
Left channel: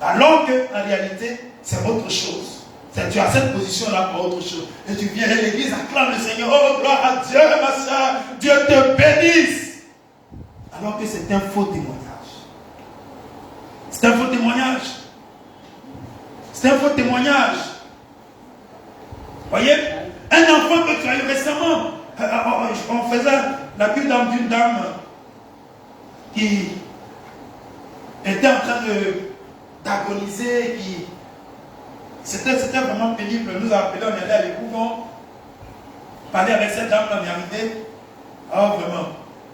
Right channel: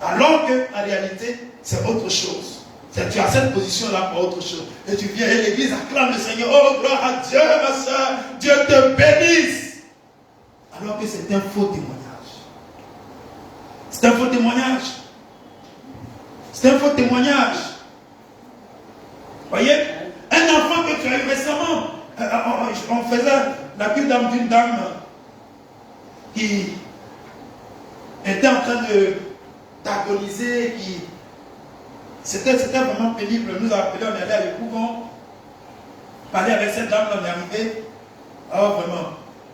Alors qu'en réalité, c'est autre chose. Tu as cette position-là pour autre chose. Et tu viens à l'église, acclame le Seigneur, oh, gloire à Dieu, ma soeur, Dieu te bénisse. Alors que c'est un faux témoignage. C'est un faux témoignage. Voyez, un enfant que tu as eu récemment, on faisait la cure d'une dame qui était en train d'agoniser, c'était vraiment pénible. Nous avons appelé, on est allé à l'écouvent, parler avec cette dame, on est arrivé. Oh, vraiment.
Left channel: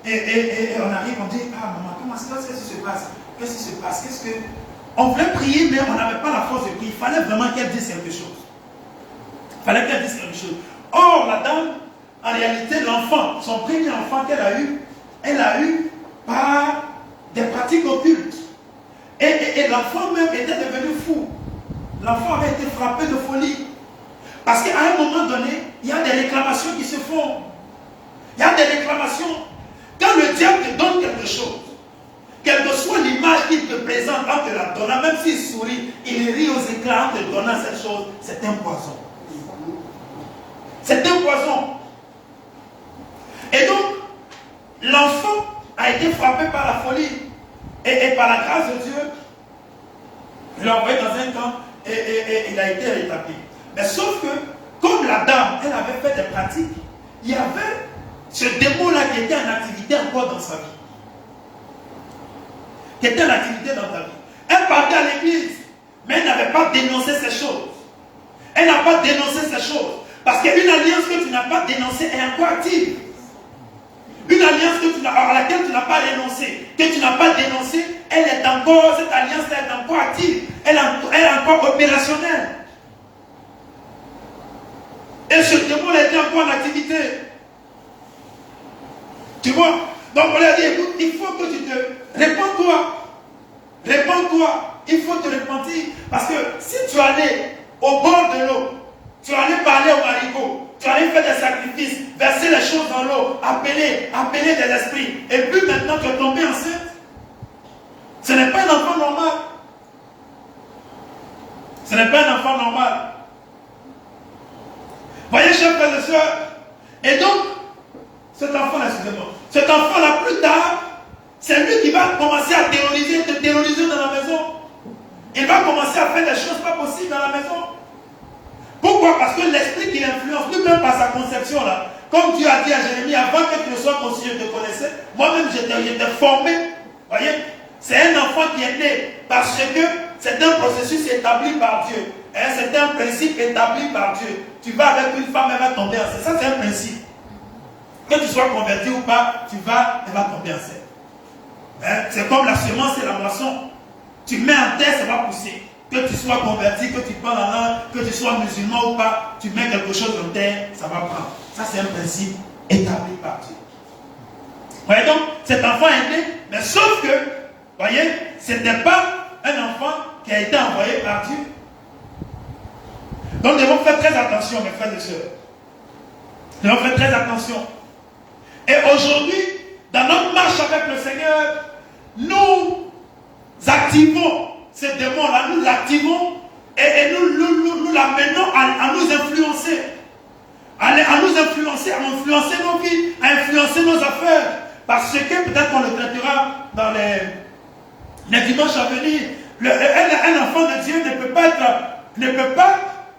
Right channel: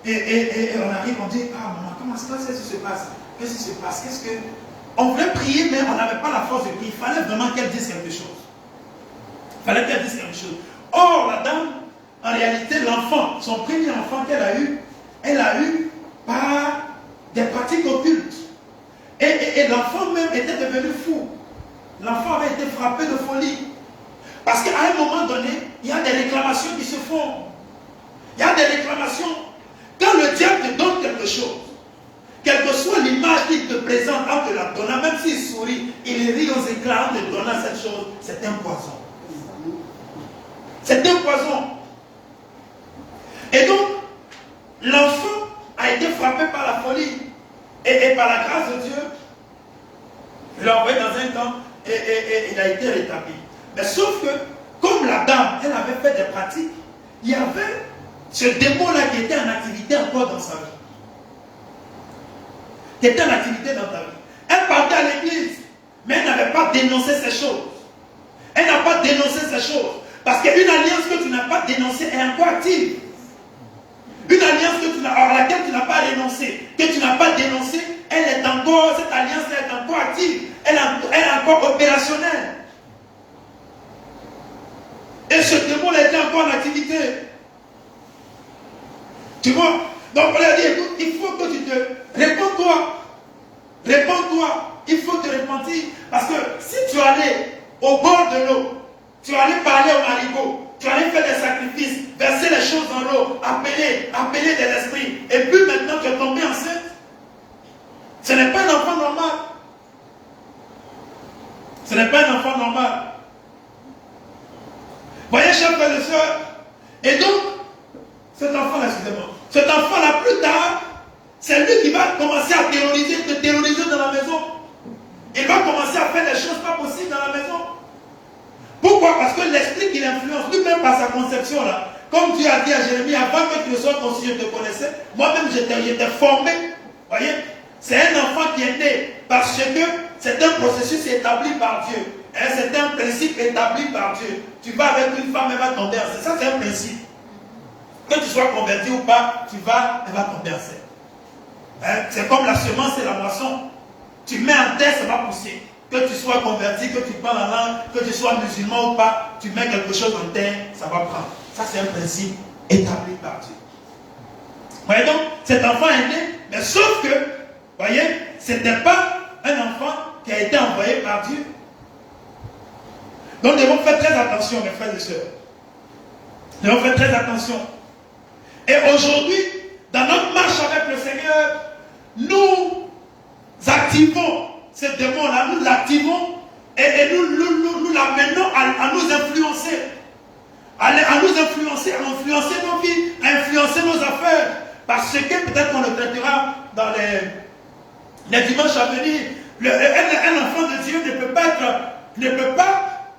Et on arrive, on dit, maman, qu'est-ce qui se passe? Qu'est-ce que... On voulait prier, mais on n'avait pas la force de prier. Il fallait vraiment qu'elle dise quelque chose. Or, la dame, en réalité, l'enfant, son premier enfant qu'elle a eu, par des pratiques occultes. Et l'enfant même était devenu fou. L'enfant avait été frappé de folie. Parce qu'à un moment donné, il y a des réclamations qui se font. Quand le diable te donne quelque chose, quelle que soit l'image qu'il te présente en te la donnant, même s'il sourit, il rit aux éclats en te donnant cette chose, c'est un poison. C'est un poison. Et donc, l'enfant a été frappé par la folie. Et par la grâce de Dieu, il l'a envoyé dans un camp et il a été rétabli. Mais sauf que, comme la dame, elle avait fait des pratiques, il y avait ce démon-là qui était en activité encore dans sa vie. Qui était en activité dans ta vie. Elle partait à l'église, mais elle n'avait pas dénoncé ces choses. Elle n'a pas dénoncé ces choses. Parce qu'une alliance que tu n'as pas dénoncée est encore active. Une alliance à laquelle tu n'as pas renoncé, que tu n'as pas dénoncé, elle est encore, cette alliance est encore active. Elle est encore opérationnelle. Et ce démon était encore en activité. Tu vois? Donc on lui a dit, écoute, il faut que tu te... Réponds-toi. Réponds-toi. Il faut te repentir. Parce que si tu allais au bord de l'eau, tu allais parler au marigot, tu allais faire des sacrifices, verser les choses dans l'eau, appeler des esprits, et puis maintenant tu es tombé enceinte. Ce n'est pas un enfant normal. Ce n'est pas un enfant normal. Voyez, chers frères et sœurs, et donc, cet enfant-là, excusez-moi, cet enfant-là, plus tard, c'est lui qui va commencer à te terroriser dans la maison. Il va commencer à faire des choses pas possibles dans la maison. Pourquoi? Parce que l'esprit qui l'influence, lui-même par sa conception là, comme Dieu a dit à Jérémie, avant que tu ne sois conçu, je te connaissais, moi-même j'étais formé. Voyez? C'est un enfant qui est né parce que c'est un processus établi par Dieu. C'est un principe établi par Dieu. Tu vas avec une femme, elle va tomber enceinte. Ça, c'est un principe. Que tu sois converti ou pas, elle va tomber enceinte. C'est comme la semence et la moisson. Tu mets en terre, ça va pousser. Que tu sois converti, que tu parles la langue, que tu sois musulman ou pas, tu mets quelque chose en terre, ça va prendre. Ça, c'est un principe établi par Dieu. Voyez donc, cet enfant est né, mais sauf que, voyez, ce n'était pas un enfant qui a été envoyé par Dieu. Donc, nous devons faire très attention, mes frères et sœurs. Nous devons faire très attention. Et aujourd'hui, dans notre marche avec le Seigneur, nous activons ce démon-là, nous l'activons et nous l'amenons à nous influencer. À nous influencer, à influencer nos vies, à influencer nos affaires. Parce que peut-être qu'on le traitera dans les dimanches à venir. Un enfant de Dieu ne peut pas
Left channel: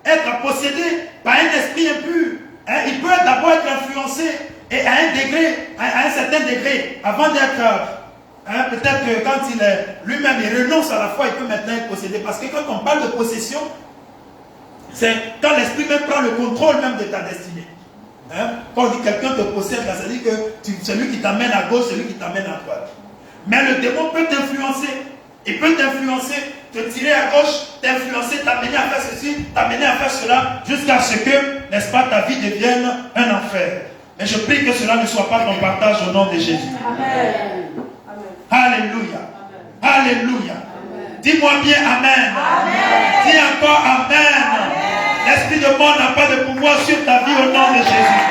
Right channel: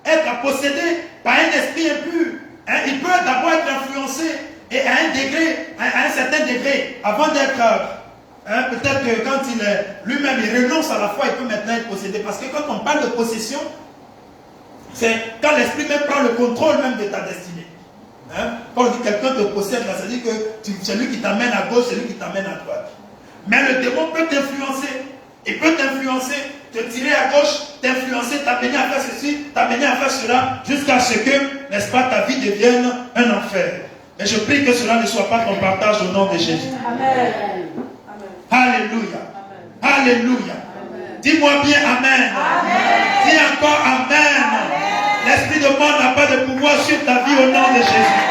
être possédé par un esprit impur. Il peut d'abord être influencé et à un certain degré, avant d'être... peut-être que quand lui-même il renonce à la foi, il peut maintenant être possédé. Parce que quand on parle de possession, c'est quand l'esprit même prend le contrôle même de ta destinée. Quand on dit quelqu'un te possède, ça veut dire que c'est lui qui t'amène à gauche, c'est lui qui t'amène à droite. Mais le démon peut t'influencer. Il peut t'influencer, te tirer à gauche, t'influencer, t'amener à faire ceci, t'amener à faire cela, jusqu'à ce que, n'est-ce pas, ta vie devienne un enfer. Et je prie que cela ne soit pas ton partage au nom de Jésus. Amen. Alléluia. Alléluia. Dis-moi bien Amen. Dis encore Amen. L'esprit de mort n'a pas de pouvoir sur ta vie au nom de Jésus.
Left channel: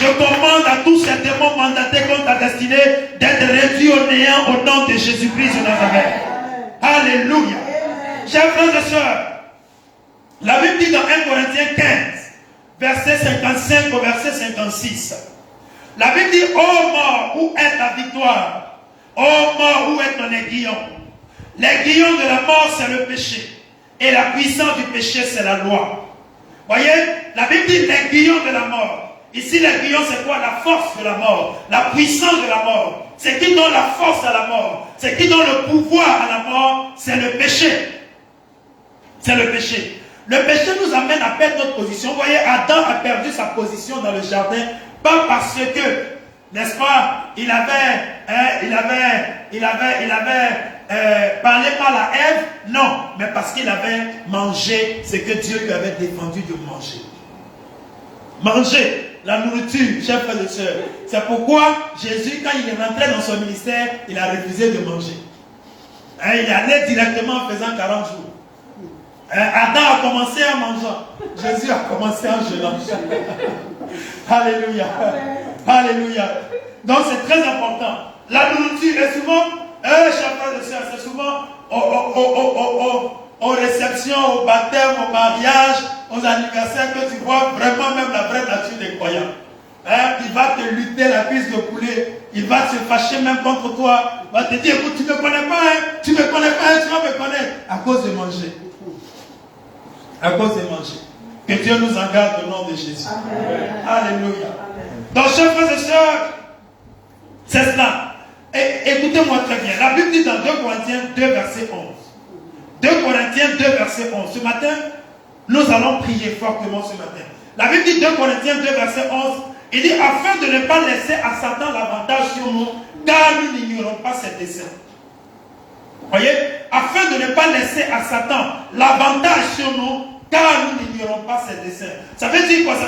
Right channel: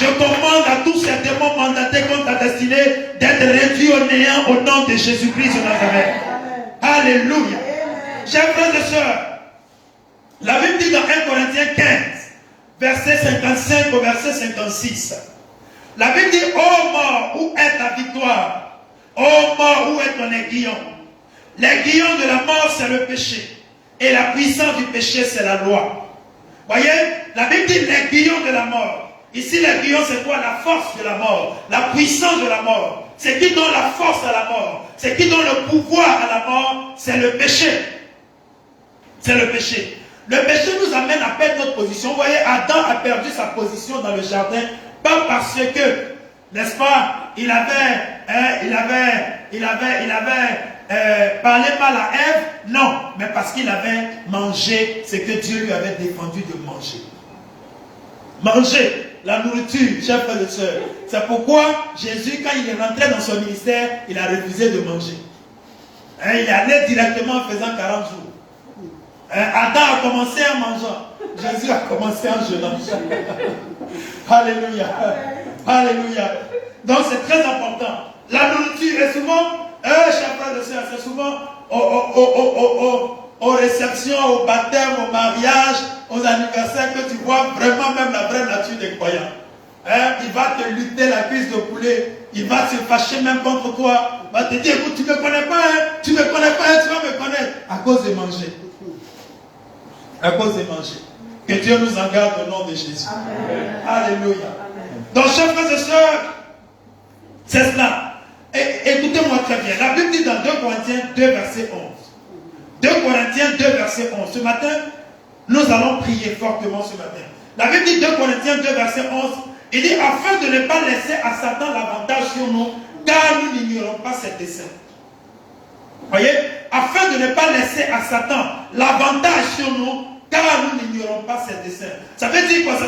Je commande à tous ces démons mandatés contre ta destinée d'être réduits au néant au nom de Jésus-Christ de Nazareth. Alléluia. Chers frères et sœurs, la Bible dit dans 1 Corinthiens 15, verset 55 au verset 56. La Bible dit, ô mort, où est ta victoire? Ô mort, où est ton aiguillon? L'aiguillon de la mort, c'est le péché. Et la puissance du péché, c'est la loi. Voyez, la Bible dit l'aiguillon de la mort. Ici, l'aiguillon, c'est quoi? La force de la mort, la puissance de la mort. Ce qui donne la force à la mort, ce qui donne le pouvoir à la mort, c'est le péché. C'est le péché. Le péché nous amène à perdre notre position. Vous voyez, Adam a perdu sa position dans le jardin, pas parce que, n'est-ce pas, il avait parlé mal à Ève, non, mais parce qu'il avait mangé ce que Dieu lui avait défendu de manger. Manger la nourriture, chers frères et sœurs. C'est pourquoi Jésus, quand il est rentré dans son ministère, il a refusé de manger. Il est allé directement en faisant 40 jours. Adam a commencé en mangeant. Jésus a commencé en jeûnant. Alléluia. Alléluia. Donc c'est très important. La nourriture est souvent, chers frères et sœurs, c'est souvent au aux réceptions, au baptême, au mariage, aux anniversaires, que tu vois vraiment même la vraie nature des croyants. Hein? Il va te lutter la cuisse de poulet, il va se fâcher même contre toi, il va te dire, écoute, tu ne me connais pas, hein? Tu ne me connais pas, hein? Tu vas me connaître, à cause de manger. À cause de manger. Que Dieu nous en garde au nom de Jésus. Amen. Alléluia. Amen. Donc, chers frères et sœurs, c'est cela. Et écoutez-moi très bien. La Bible dit dans 2 Corinthiens 2, verset 11. 2 Corinthiens 2, verset 11. Ce matin, nous allons prier fortement ce matin. La Bible dit 2 Corinthiens 2, verset 11. Il dit, afin de ne pas laisser à Satan l'avantage sur nous, car nous n'ignorons pas ses desseins. Voyez, afin de ne pas laisser à Satan l'avantage sur nous, car nous n'ignorons pas ses desseins. Ça veut dire quoi? Ça